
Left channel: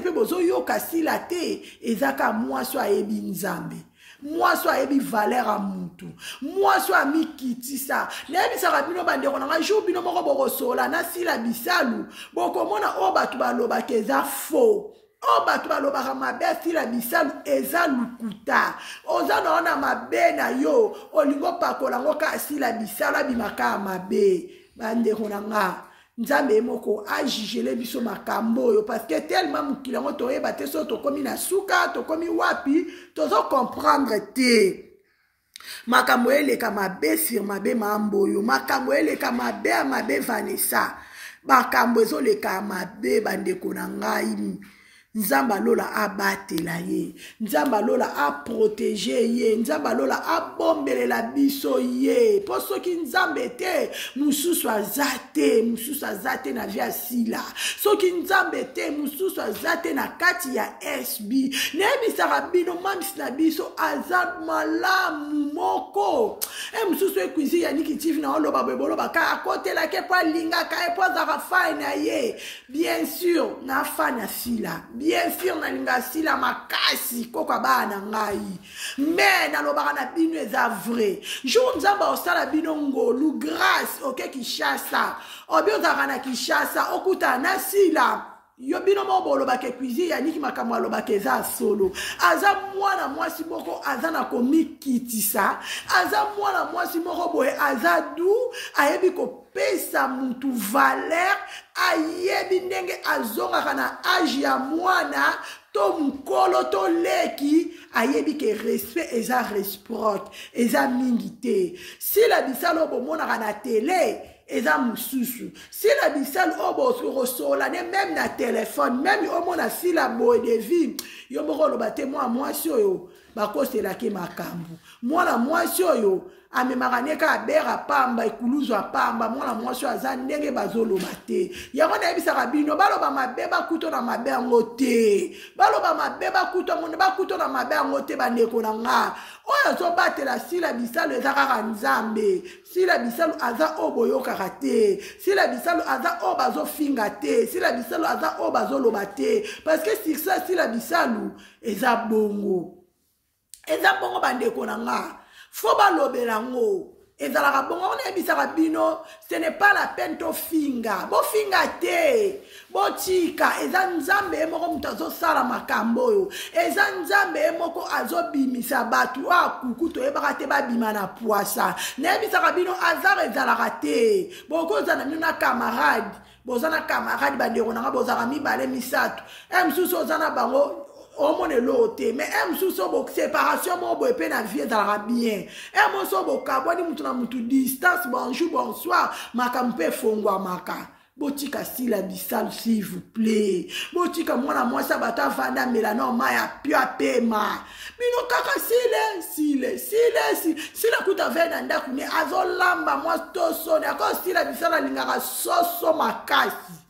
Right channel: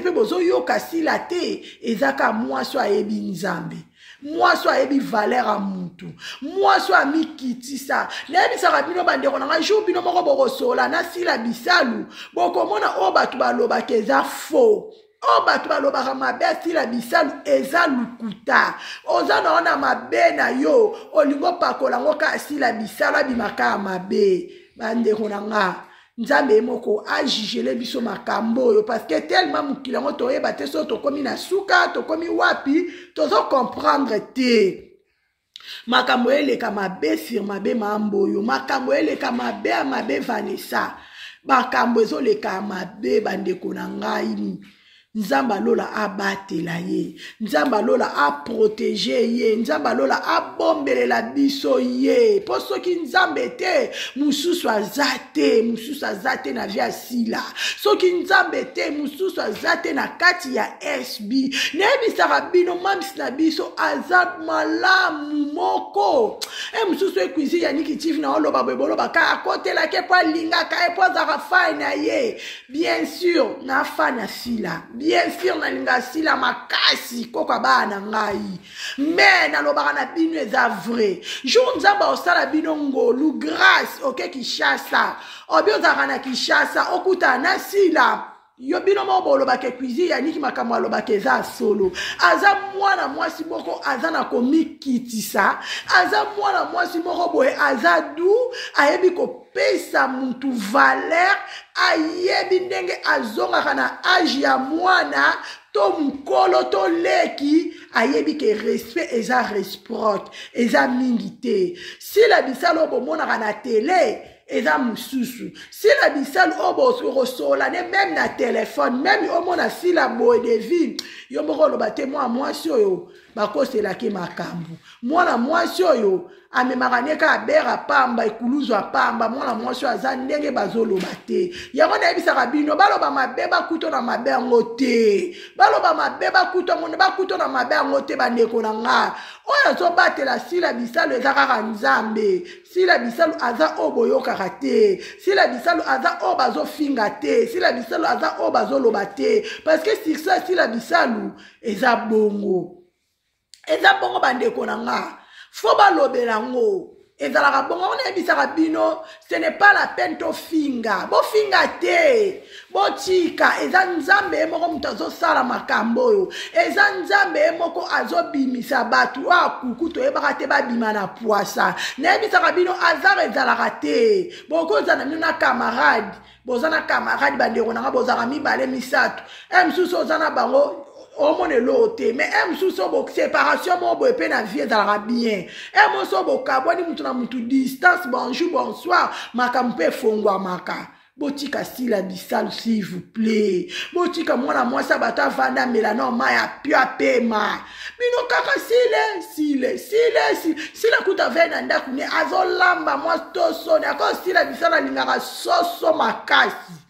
pe bozo yoka sila te ezaka mwaso ayebi nzambe mwasi ayebi valeur a mutu mwasi amikitisa nayebisaka bino bandeko nanga jour bino moko bokosola na sila bisalu bokomona oyo bato balobaka eza faux oyo bato balobaka mabe asila bisalu eza lukuta oza na wana mabe na yo olingo pakola ngo ka asila bisalu abimaka ya mabe bandeko nanga nzambe moko ajigele biso makambo oyo parce que tellement mokili yango toyeba te so tokomi na suka tokomi wapi tozo comprendre te makambo eleka mabe sur mabe mambo oyo makambo eleka mabe ya mabe Vanessa makambo ezoleka mabe bandeko na ngai nzamba lola abatela ye nzamba lola a protéger ye nzamba lola a bombelela biso ye po soki nzambe te mususu azate na via sila soki nzambe te mususu azate na kati ya SB nayebisaka bino mamisi na biso aza malamu moko mususu ekuizi ya nikitivi na oloba beboloba ka akotelake po alingaka po azaka fai na ye bien sûr na fa na sila bien sûr nalinga sila makasi koko bana ngai mais nalobaka na bino eza vrai jour nzamba osala bino ngolu grâce oke Kishasa obi ozaka na Kishasa okuta na sila yo bino mo bolobaka cuisine ya niki makambo alobaka eza solo aza mwana mwasi moko aza na komikitisa aza mwana mwasi moko boye aza du ayebi kopesa mutu valeur ayebi ndenge azongaka na age ya mwana to mukolo to leki ayebi ke respect eza reciproque eza mingi te si la bisalo bomonaka na télé eza mususu si la bisalo obo rosola ne même na téléphone même omona si la boy de vie yo moko loba te mwasi oyo bakoselaki makambo mwana mwasi oyo amemaka neka abera pamba ekuluzwa pamba mwana mwasi aza ndenge bazoloba te yango nayebisaka bino baloba mabe bakuto na mabe yango te baloba mabe bakuto na mabe yango te bandeko na nga oyo azobatela sila bisalo eza kaka nzambe sila bisalo aza oyo boyokaka te sila bisalo aza oyo bazofinga te sila bisalo aza oyo bazoloba te parce que sur ça sila bisalo eza bongo bandeko na nga fo balobela ngo ezalaka bongo on ebisaka bino ce n'est pas la peine to finga bo finga te bo tika eza nzambe moko mutu azosala makambo oyo eza nzambe moko azobimisa batu akuku toyebaka te babima na poisa nayebisaka bino azara ezalaka te bokozana bino na camarade bozana camarade bandeko nanga bozaka mibale misato msusu ozana bango omone lote mais msusu bo séparation mo bo pe na vie ezalaka bien moso bo kabwani mutu na mutu distance bonjour bonsoir makampe fongwa maka botika sila bisalo s'il vous plaît botika mwana mwasi bata vanda melano maya pia pema bino kaka sile kuta vena ndaku ne azolamba mwasi toso ne ako sila bisalo lingaka soso makasi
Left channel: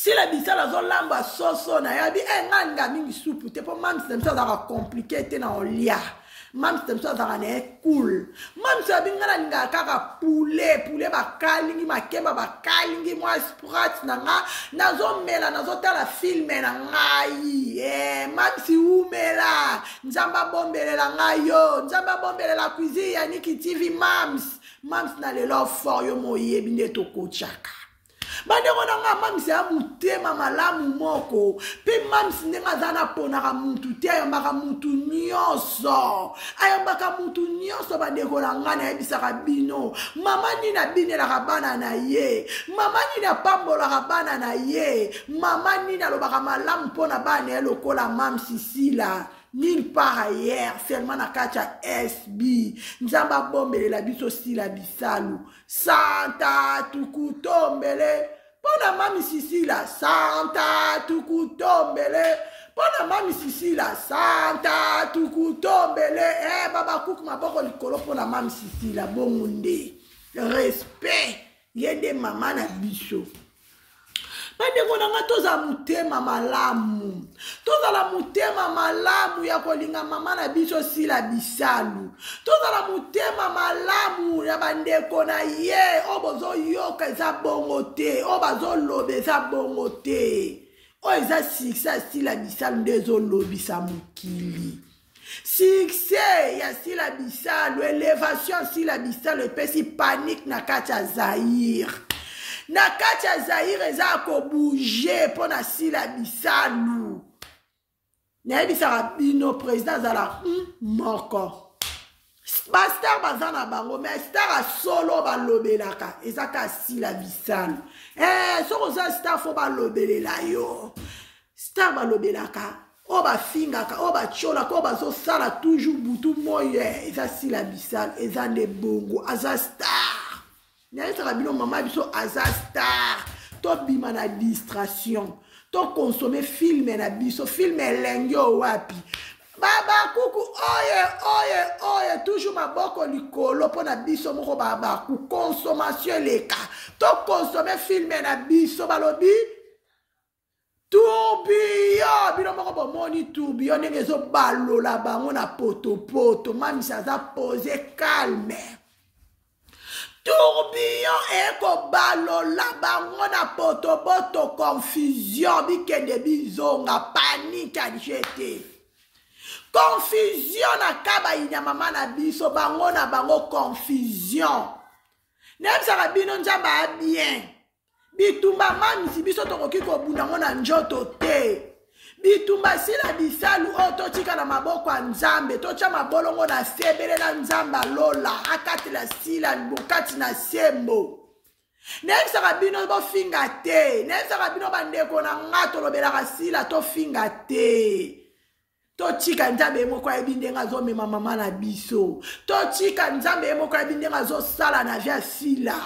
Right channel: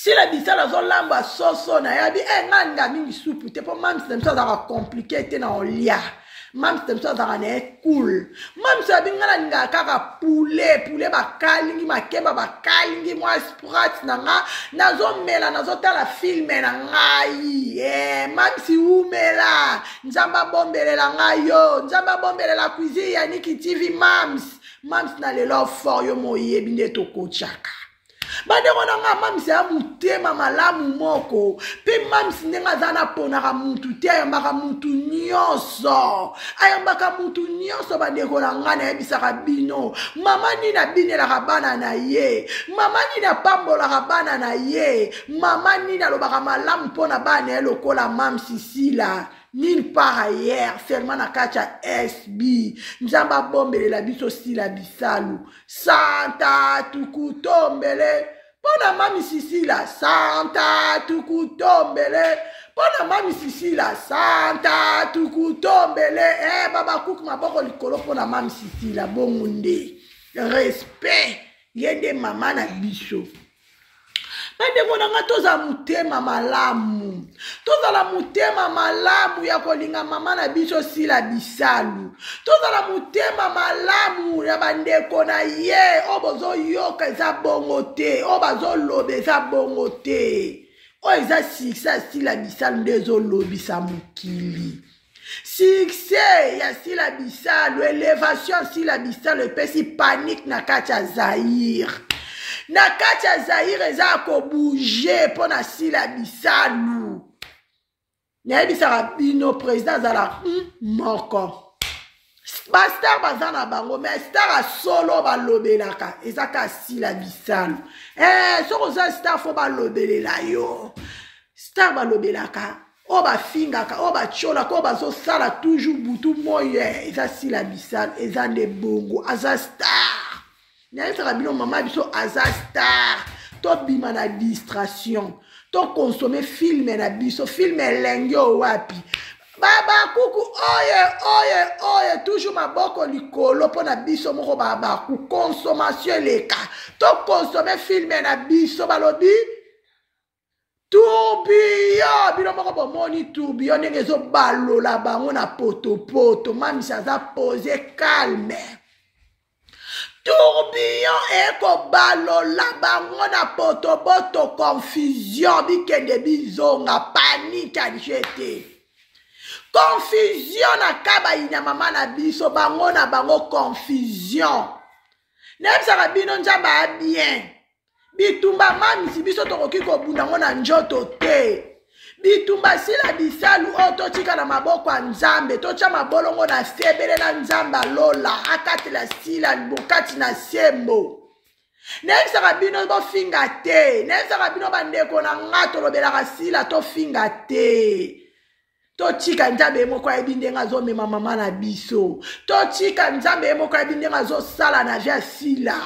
si la bisala zolamba soso na yabi nganga mingi soupe te po mam system so za compliqué te na olia mam system so za na cool mam so bingana ninga kaka poulet bakalingi makemba bakalingi mwa sprat na nga nazomela nazotala filme na ngai mam si umela nzamba bombelela ngayo nzamba bombelela cuisine ya Niki TV mams na lelo for yo moyebi nde tokochaka bandeko nanga mamisi ya mutema malamu moko pe mamisi ndenga zana ponaka mutu te ayambaka mutu nyonso bandeko nanga nayebisaka bino mama nini abinelaka bana na ye mama nini apambolaka bana na ye mama nini alobaka malamu mpona bana ye lokola mamisi sila nulle part ailleurs seulement na kacha SB nzamba bombelela biso sila bisalu santa tukutombele pona mami sisila santa tukutombele pona mami sisila santa tukutombele baba kuku maboko likolo pona mami sisila bongunde respect yende mama na biso bandeko nanga toza mutema malamu tozala mutema malamu ya kolinga mama na biso sila bisalu tozala mutema malamu ya bandeko na ye obozo yoka eza bongo te obazo lobe eza bongo te o eza siksa sila bisalu nde ezolobisa mokili succès ya sila bisalu élévation sila bisalu epesi panique na kati ya Zaïre na kati ya Zaïre eza kobouge mpo na sila bisalu nayebisaka bino président azala moko bastar baza na bango mais star solo balobelaka eza ka sila bisalu soko oza star fo balobelela yo star balobelaka o bafingaka o bacholaka o bazosala toujours butu moye eza sila bisalu eza nde bongo aza star nayebisaka bino mama biso aza star tobima na distraction to consommer film na biso film elenge wapi babakuku oye toujours maboko likolo mpona biso moko babaku consommation eleka to consommer film na biso balobi tourbillon bino moko bomoni tourbillon ndenge ezobalola bango na potopoto mamisi aza pose calme tourbillon ekobalola bango na potopoto confusion bikende bizonga panique adjete confusion na kabaina mama na biso bango na bango confusion nebisaka bino nzambe abien bitumba mamisi biso tokoki kobunda ngo na njoto te bitumba sila bisalu o totika na maboko ya nzambe totia mabolongo na sebele na nzambe alola akatela sila bokati na sembo nayebisaka bino bofinga te nayebisaka bino bandeko na nga tolobelaka sila tofinga te totika nzambe moko ayebi ndenge azomema mama na biso totika nzambe moko ayebi ndenge azosala na via sila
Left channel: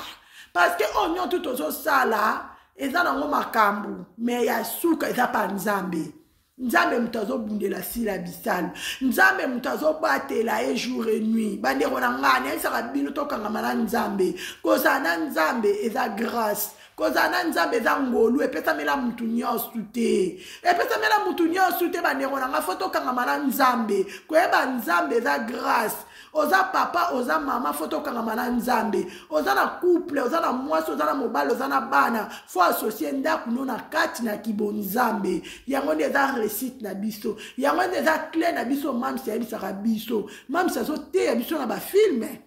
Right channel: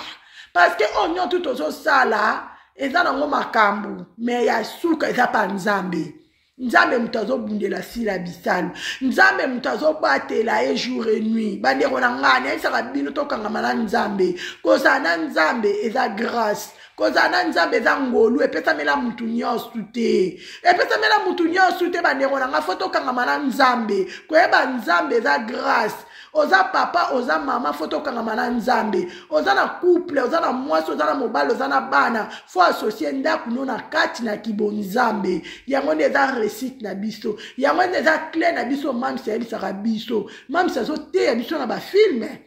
parce que onyo tout ozosala eza nango makambo me ya suka eza pa nzambe nzambe mutu azobundela sila bisalu nzambe mutu azobatela ye jour et nuit bandeko na nga nayebisaka bino tokangama na nzambe kozala na nzambe eza grâce kozala na nzambe eza ngolu epesamela mutu nyonso te epesamela mutu nyonso te bandeko na nga fo tokangama na nzambe koyeba nzambe eza grâce oza papa oza mama fo tokangama na nzambe oza na couple oza na mwasi oza na mobali oza na bana fo asocie ndako no na kati na kibonzambe yango nde eza réussite na biso yango nde eza clé na biso mamisi ayebisaka biso mamisi azoteya biso na bafilme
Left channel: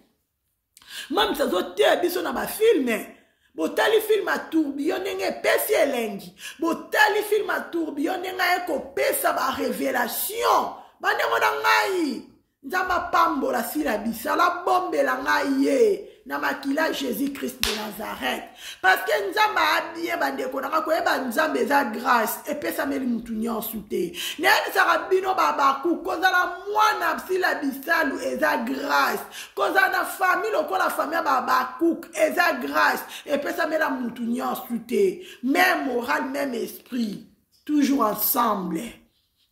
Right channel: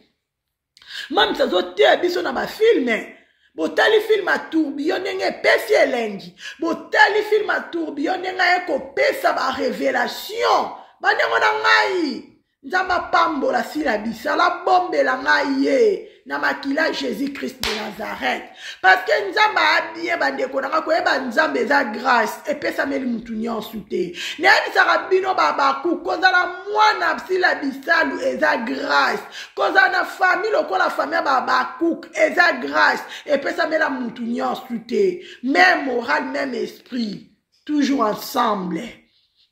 mamisi azoteya biso na bafilme botali film a tourbillon ndenge epesi elengi botali film a tourbillon ndenge ekopesa barévélation bandengo na ngai nzamba pambola sila bisala bombela ngai ye na makila Jésus Christ de Nazareth parce que nzamba abie bandeko na koyeba nzambe eza grâce epesameli mutu nyonso te nayebisaka bino babaku kozala mwana sila bisalu eza grâce kozala na famille lokola famille ya babaku eza grâce epesamela mutu nyonso te même moral même esprit toujours ensemble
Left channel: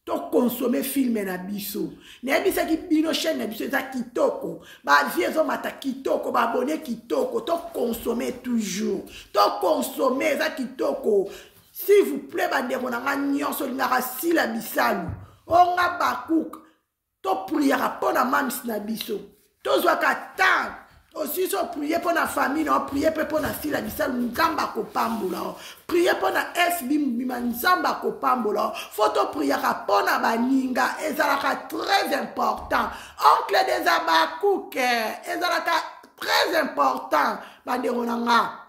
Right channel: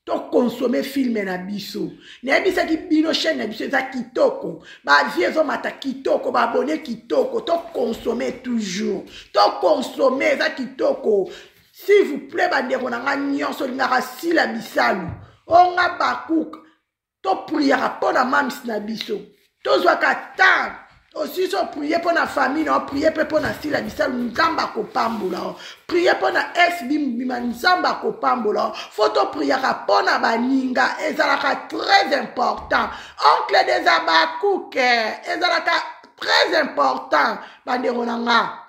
to consommer film na biso nayebisaki bino chaîne na biso eza kitoko bavie ezomata kitoko baabone kitoko to consommer toujours to consommer eza kitoko s'il vous plaît bandeko na nga nyonso lingaka sila bisalu onga bakuka to priaka mpo na mamisi na biso tozwaka temps aussi so prier pour la famille, on prier pour la sila bisal nzamba ko pambola. Prier pour la FB bima nzamba ko pambola. Photo prier pour la baninga ezalaka très important. Oncle des abakuke ezalaka très important bandero nanga.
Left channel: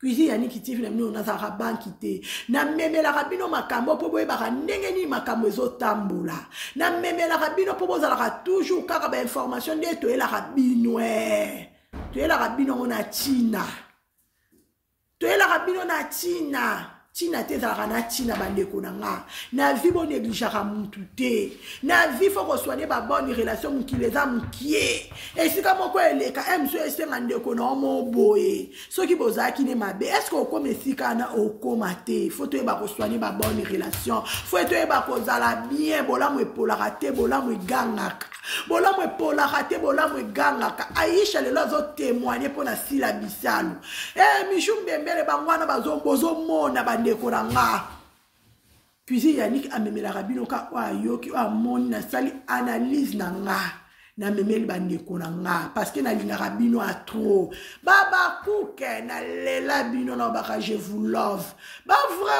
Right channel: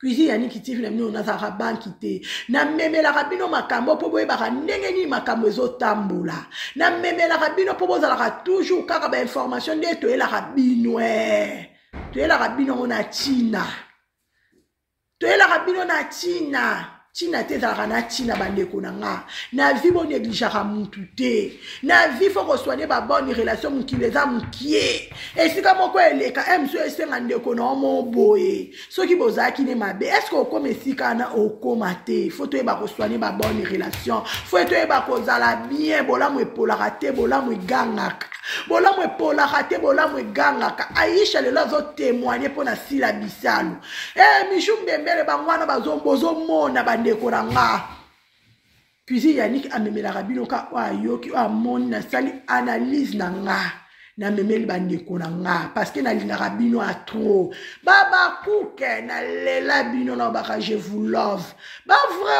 Cuisine yani kitifi na mino nazaka banki te na memela rabino makambo po boye baka ndenge ni makambo ezotambola na memela rabino po bozalaka toujours kaka ba information de to ela rabino to ela rabino na China to ela rabino na China te zalaka na China bandeko na nga na vie bo négligera mutu te na vie faut resoigner ba bonne relation mukileza mukie esika moko eleka emso esenga ndeko na mo boye soki bozaki ne mabe est-ce que okoma esika na okoma te faut to ba resoigner ba bonne relation faut to ba kozala bien bolamu epolaka te bolamu egangaka bolamu epolaka te bolamu egangaka Aisha lelo zo témoigner pona sila bisalu mishumbembele bangwana bazombozo mona bandeko na nga puis Yannick amemela rabino ka wa yoki wa moni na sali analyse na nga na memeli bandeko na nga parce que nalingaka bino a trop baba kuke na lela bino na baka je vous love ba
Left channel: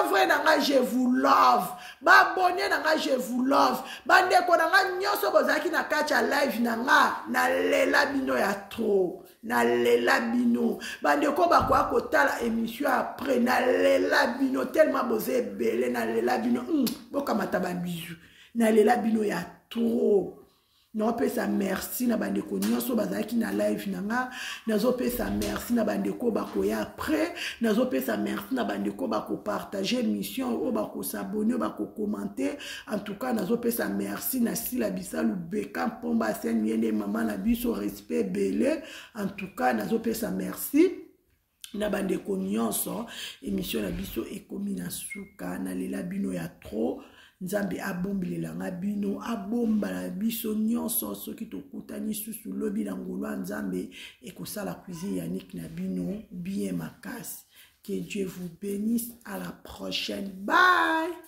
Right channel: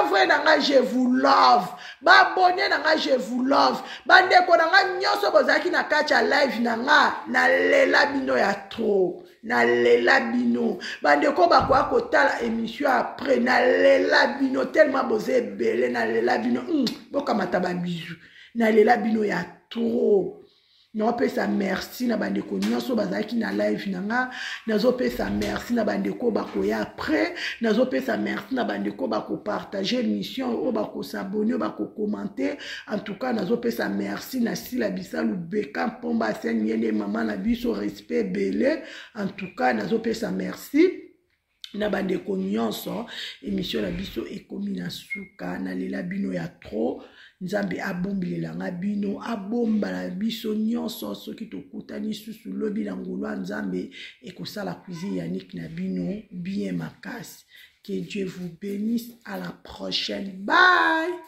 vrai na nga je vous love ba bonne na nga je vous love bandeko na nga nyonso bozaki na kacha live na nga na lela bino ya trop na lela bino bandeko bakwa kotala émission après na lela bino tellement boze belé na lela bino bokamata ba bizu na lela bino ya trop nazopesa merci na bandeko nyonso bazalaki na live nanga nazopesa merci na bandeko bakoya après nazopesa merci na bandeko bakopartage émission oyo bakosabone bakokommente en tout cas nazopesa merci na Sila Bisalu Beka Mpomba Seigne yende mama na biso respect belé en tout cas nazopesa merci na bandeko nyonso émission na biso ekomi na suka na lela bino ya trop Nzambe abombilela nga bino abombala biso nyonso soki tokutani susu lobi na ngolwa Nzambe ekosala cuisine Yannick na bino bien makasi. Que Dieu vous bénisse, à la prochaine, bye.